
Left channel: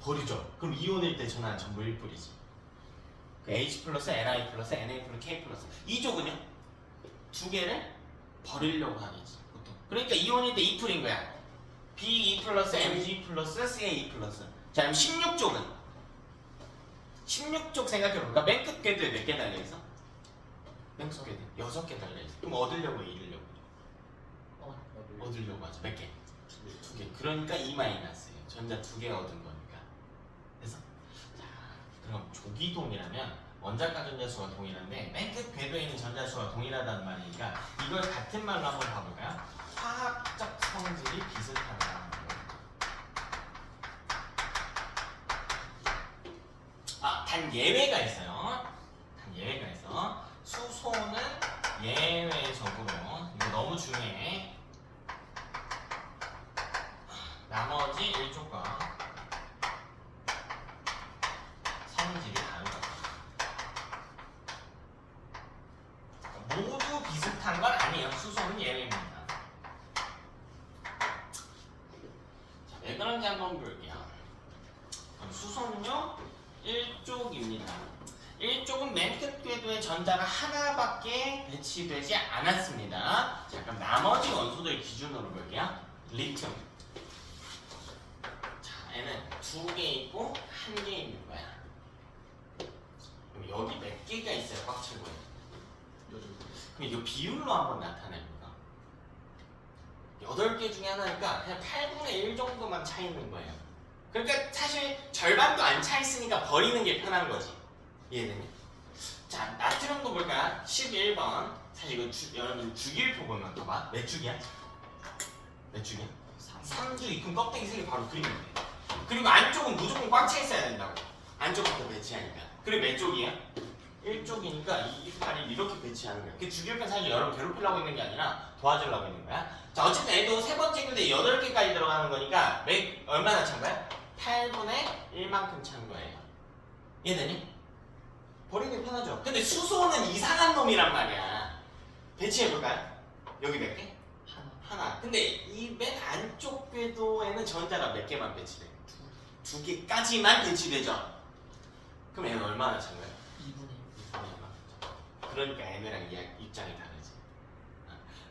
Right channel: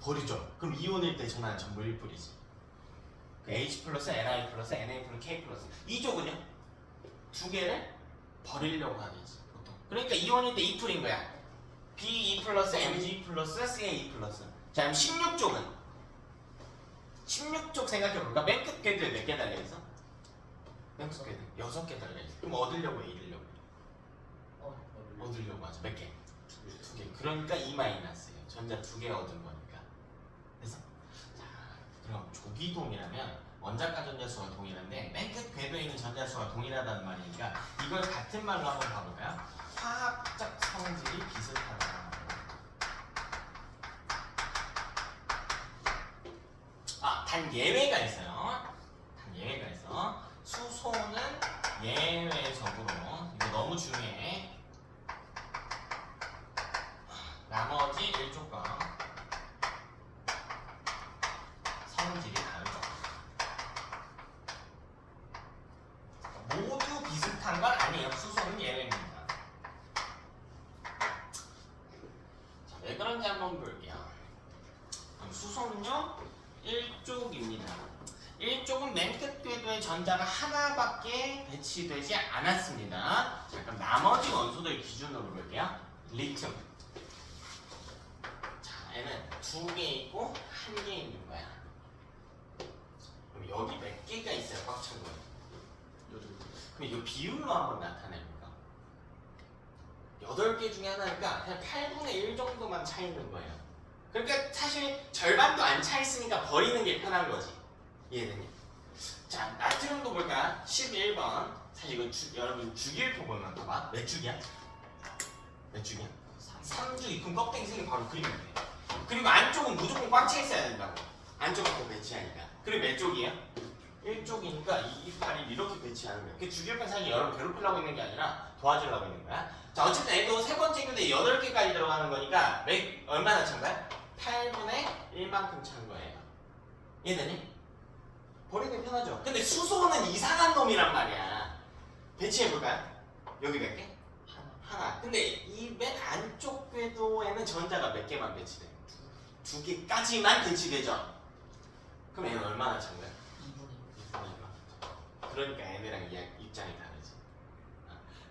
버리죠. 그럼 이온일 때 전화는 전부 1뿌리지. 그 H 플러스, Ni 플러스, Na 플러스, K 플러스. 이쪽은요? 두 개를 버리려고 하겠지. 보통. 그러니까 이온일 때 2풀인 거야. B2 플러스, Mg 플러스, Ca2 플러스. 자, 그럼 16쪽은? 16쪽 생각해볼까? 맨 끝 궤도에 몇 개 달려있어? 맨 끝 궤도에 6개 달려있어. 그럼 얻으려고 해, 잃으려고? 얻으려고 하죠. 몇 개? 두 개. 그러니까 E 마이너스예요. 전자 두 개 얻은 거니까. 그래서 자, 그럼 조기동이라면 원자과 전자 수가 동일한데 맨 끝 궤도에 있는 전자 수가 동일하다는 말이니까 이걸 같은 말로 한번 봐볼까요? 화학적 성질이 비슷하다. 단 예외가 있어요. 단 예외가 있어. 수소는 예외적으로, 이거 너무 중요해. 나머지 1쪽과 성질이 다르다. 모두 비슷한 건 아니에요. 수소는 예외입니다. 자, 왜 그런지 한번 볼게요. 수소는요 1쪽입니다. 1쪽은 맨 끝 궤도에 전자가 하나밖에 배치되지 않았습니다. 자, 그럼 나머지 원소들 기준으로 볼게요. 리튬. 자, 얘는 2개 있고 1개 있는 거야. 그럼 여기 몇 개가 있어요? 꽉 찬 거예요. 그럼 이 비율로 한번 나타냅니다. 8개 중에 하나니까 그냥 8분의 1 정도만 차 있는 거예요. 그러니까 사실 절반도 안 차 있으니까 버리는 게 편한 거지. 이해되니? 자, 나트륨도 볼까요? 11번. 사실 이거 여러분 주기율표 보면 봐봐. 몇 주기야? 몇 주기야? 3주기. 그럼 껍데기 색이 바로 그리면 돼. 그리고 안쪽은 무조건 꽉 차 있어야 된다고. 안쪽부터 배치하니까. 그리고 몇 쪽이야? 1쪽이니까 이 팔이 이렇게 배치하는 거야. 그 주기율표 사실 여러분 괴롭히려고 있는 게 아니라 도와주려고 있는 거야. 자, 어쨌든 얘도 세 번째 교대 8개까지 들어가는 거니까 얼마나 찬 거야? 8분의 1만큼 찬 거예요. 이해되니? 버리기 편하죠. 근데 수소는 이상한 놈이란 말이야. 배치해볼까요? 여기 몇 개? 하나. 근데 이 맨 안쪽 궤도에는 전자가 몇 개만 배치돼? 2개까지만 배치되죠. 그럼 얘는 얼마나 찬 거야? 2분의 2분의 1만큼. 그러니까 얘네랑 입장이 다르지.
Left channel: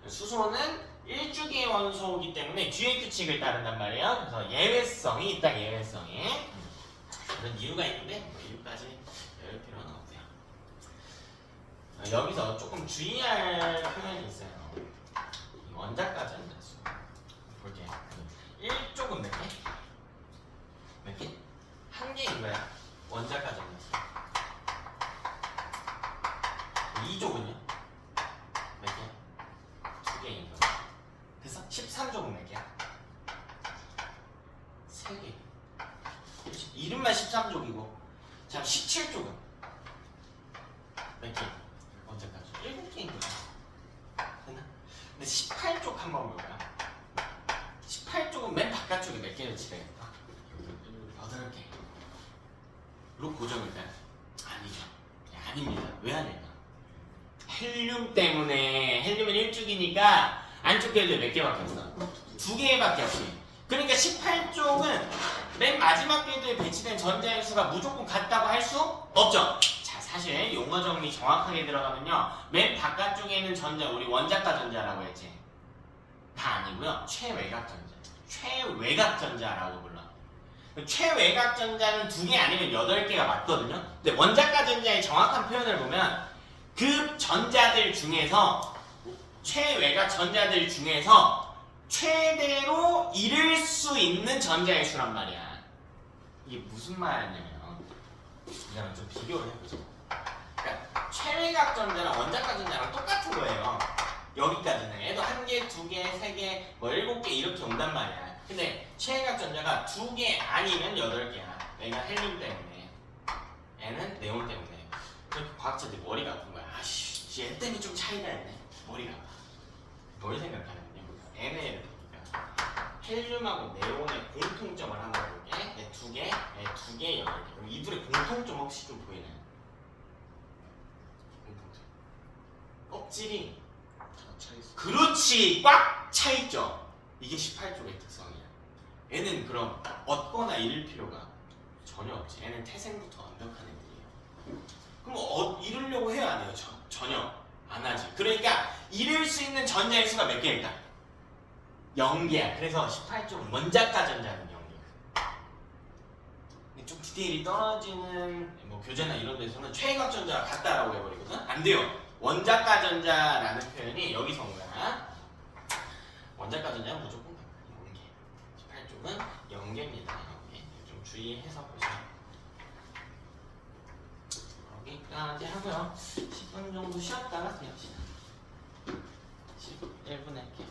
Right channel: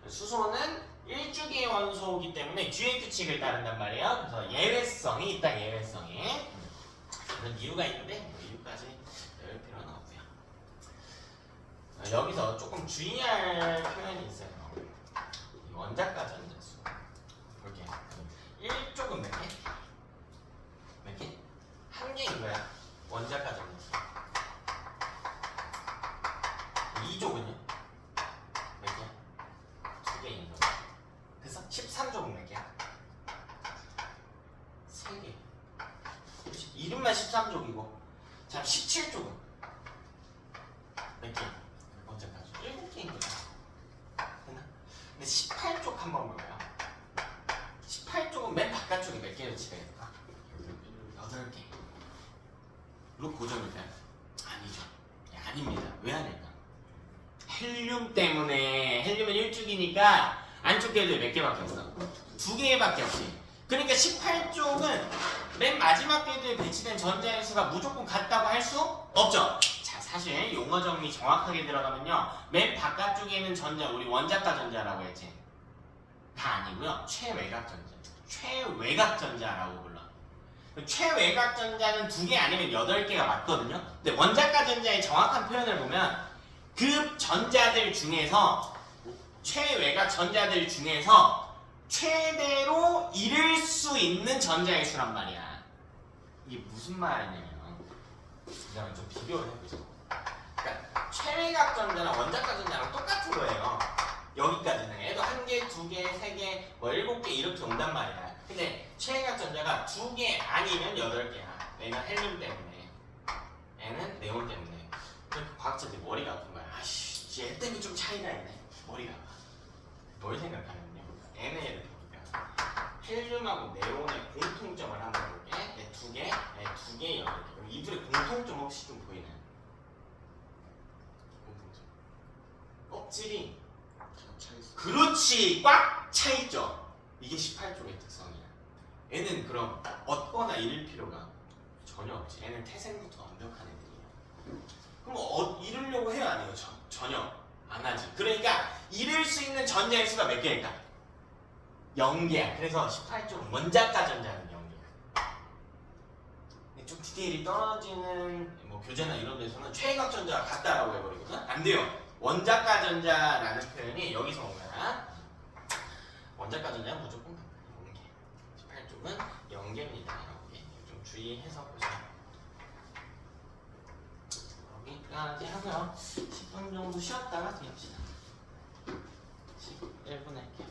수소는 1주기의 원소이기 때문에 주의 규칙을 따른단 말이에요. 그래서 예외성이 있다. 예외성이. 그런 이유가 있는데 뭐 이유까지 배울 필요는 없대요. 여기서 조금 주의할 표현이 있어요. 이 원자과 전자수. 볼게. 1쪽은 몇 개? 몇 개? 1개인 거야. 원자과 전자수. 2쪽은요? 몇 개? 2개인 거야. 그래서 13쪽은 몇 개야? 3개. 이름만 13쪽이고. 자, 17쪽은 몇 개? 원자과 7개인 거야. 됐나? 근데 18쪽 한번 볼까요? 18쪽은 맨 바깥쪽에 몇 개를 집어야겠다? 8개. 로 고정일까요? 아니죠. 아닙니다. 왜 아닐까? 헬륨 때문에. 헬륨은 1쪽이니까 안쪽 궤도에 몇 개밖에 없어? 2개밖에 없지. 그러니까 18쪽은 맨 마지막 궤도에 배치된 전자의 수가 무조건 같다고 할 수 없죠. 자, 사실 용어 정리 정확하게 들어가면요, 맨 바깥쪽에 있는 전자, 우리 원자과 전자라고 했지. 다 아니고요, 최외곽 전자. 최외곽 전자라고 불러. 최외곽 전자는 2개 아니면 8개가 맞거든요. 근데 원자과 전자의 정확한 표현을 보면 그 전자들 중에서, 최외곽 전자들 중에서 최대로 이룰 수 있는 전자의 수란 말이야. 이게 무슨 말이냐면, 그냥 좀 비교를 해보자. 그러니까 최외곽 전자랑 원자과 전자랑 똑같은 거예요. 여기까지는. 얘도 1개, 2개, 3개, 뭐 7개 이렇게 온단 말이야. 근데 최외곽 전자가 2개 아니면 8개야. 얘가 헬륨 때문에, 얘는 네온 때문에. 그렇게 과학자들이 머리가 아픈 거야. 아씨, 얘 때문에 좀 차이가 있네. 머리가 아파. 뭘 생각하냐면요, 얘네를 보니까 헬륨하고 네온의 공통점을 한번 볼게. 얘 2개, 얘 2개, 8개. 이 둘의 공통점 혹시 좀 보이나요? 공통점. 껍질이 그렇지, 꽉 차있죠. 이게 18쪽의 특성이야. 얘는 그럼 얻거나 잃을 필요가 전혀 없지. 얘는 태생부터 완벽한 애들이에요. 그럼 잃으려고 해요, 안 해요? 전혀 안 하지. 그러니까 잃을 수 있는 전자의 수가 몇 개일까? 0개야. 그래서 18쪽은 원자과 전자는 0개야. 좀 디테일이 떨어지는 뭐 교재나 이런 데서는 최외곽 전자가 같다라고 해버리거든. 안 돼요. 원자과 전자라는 표현이 여기서 온 거야. 원자과 전자는 무조건 0개. 18쪽은 0개입니다. 0개. 좀 주의해서 보세요. 여기까지 하고요. 10분 정도 쉬었다가 그냥 시다. 11분 할게요.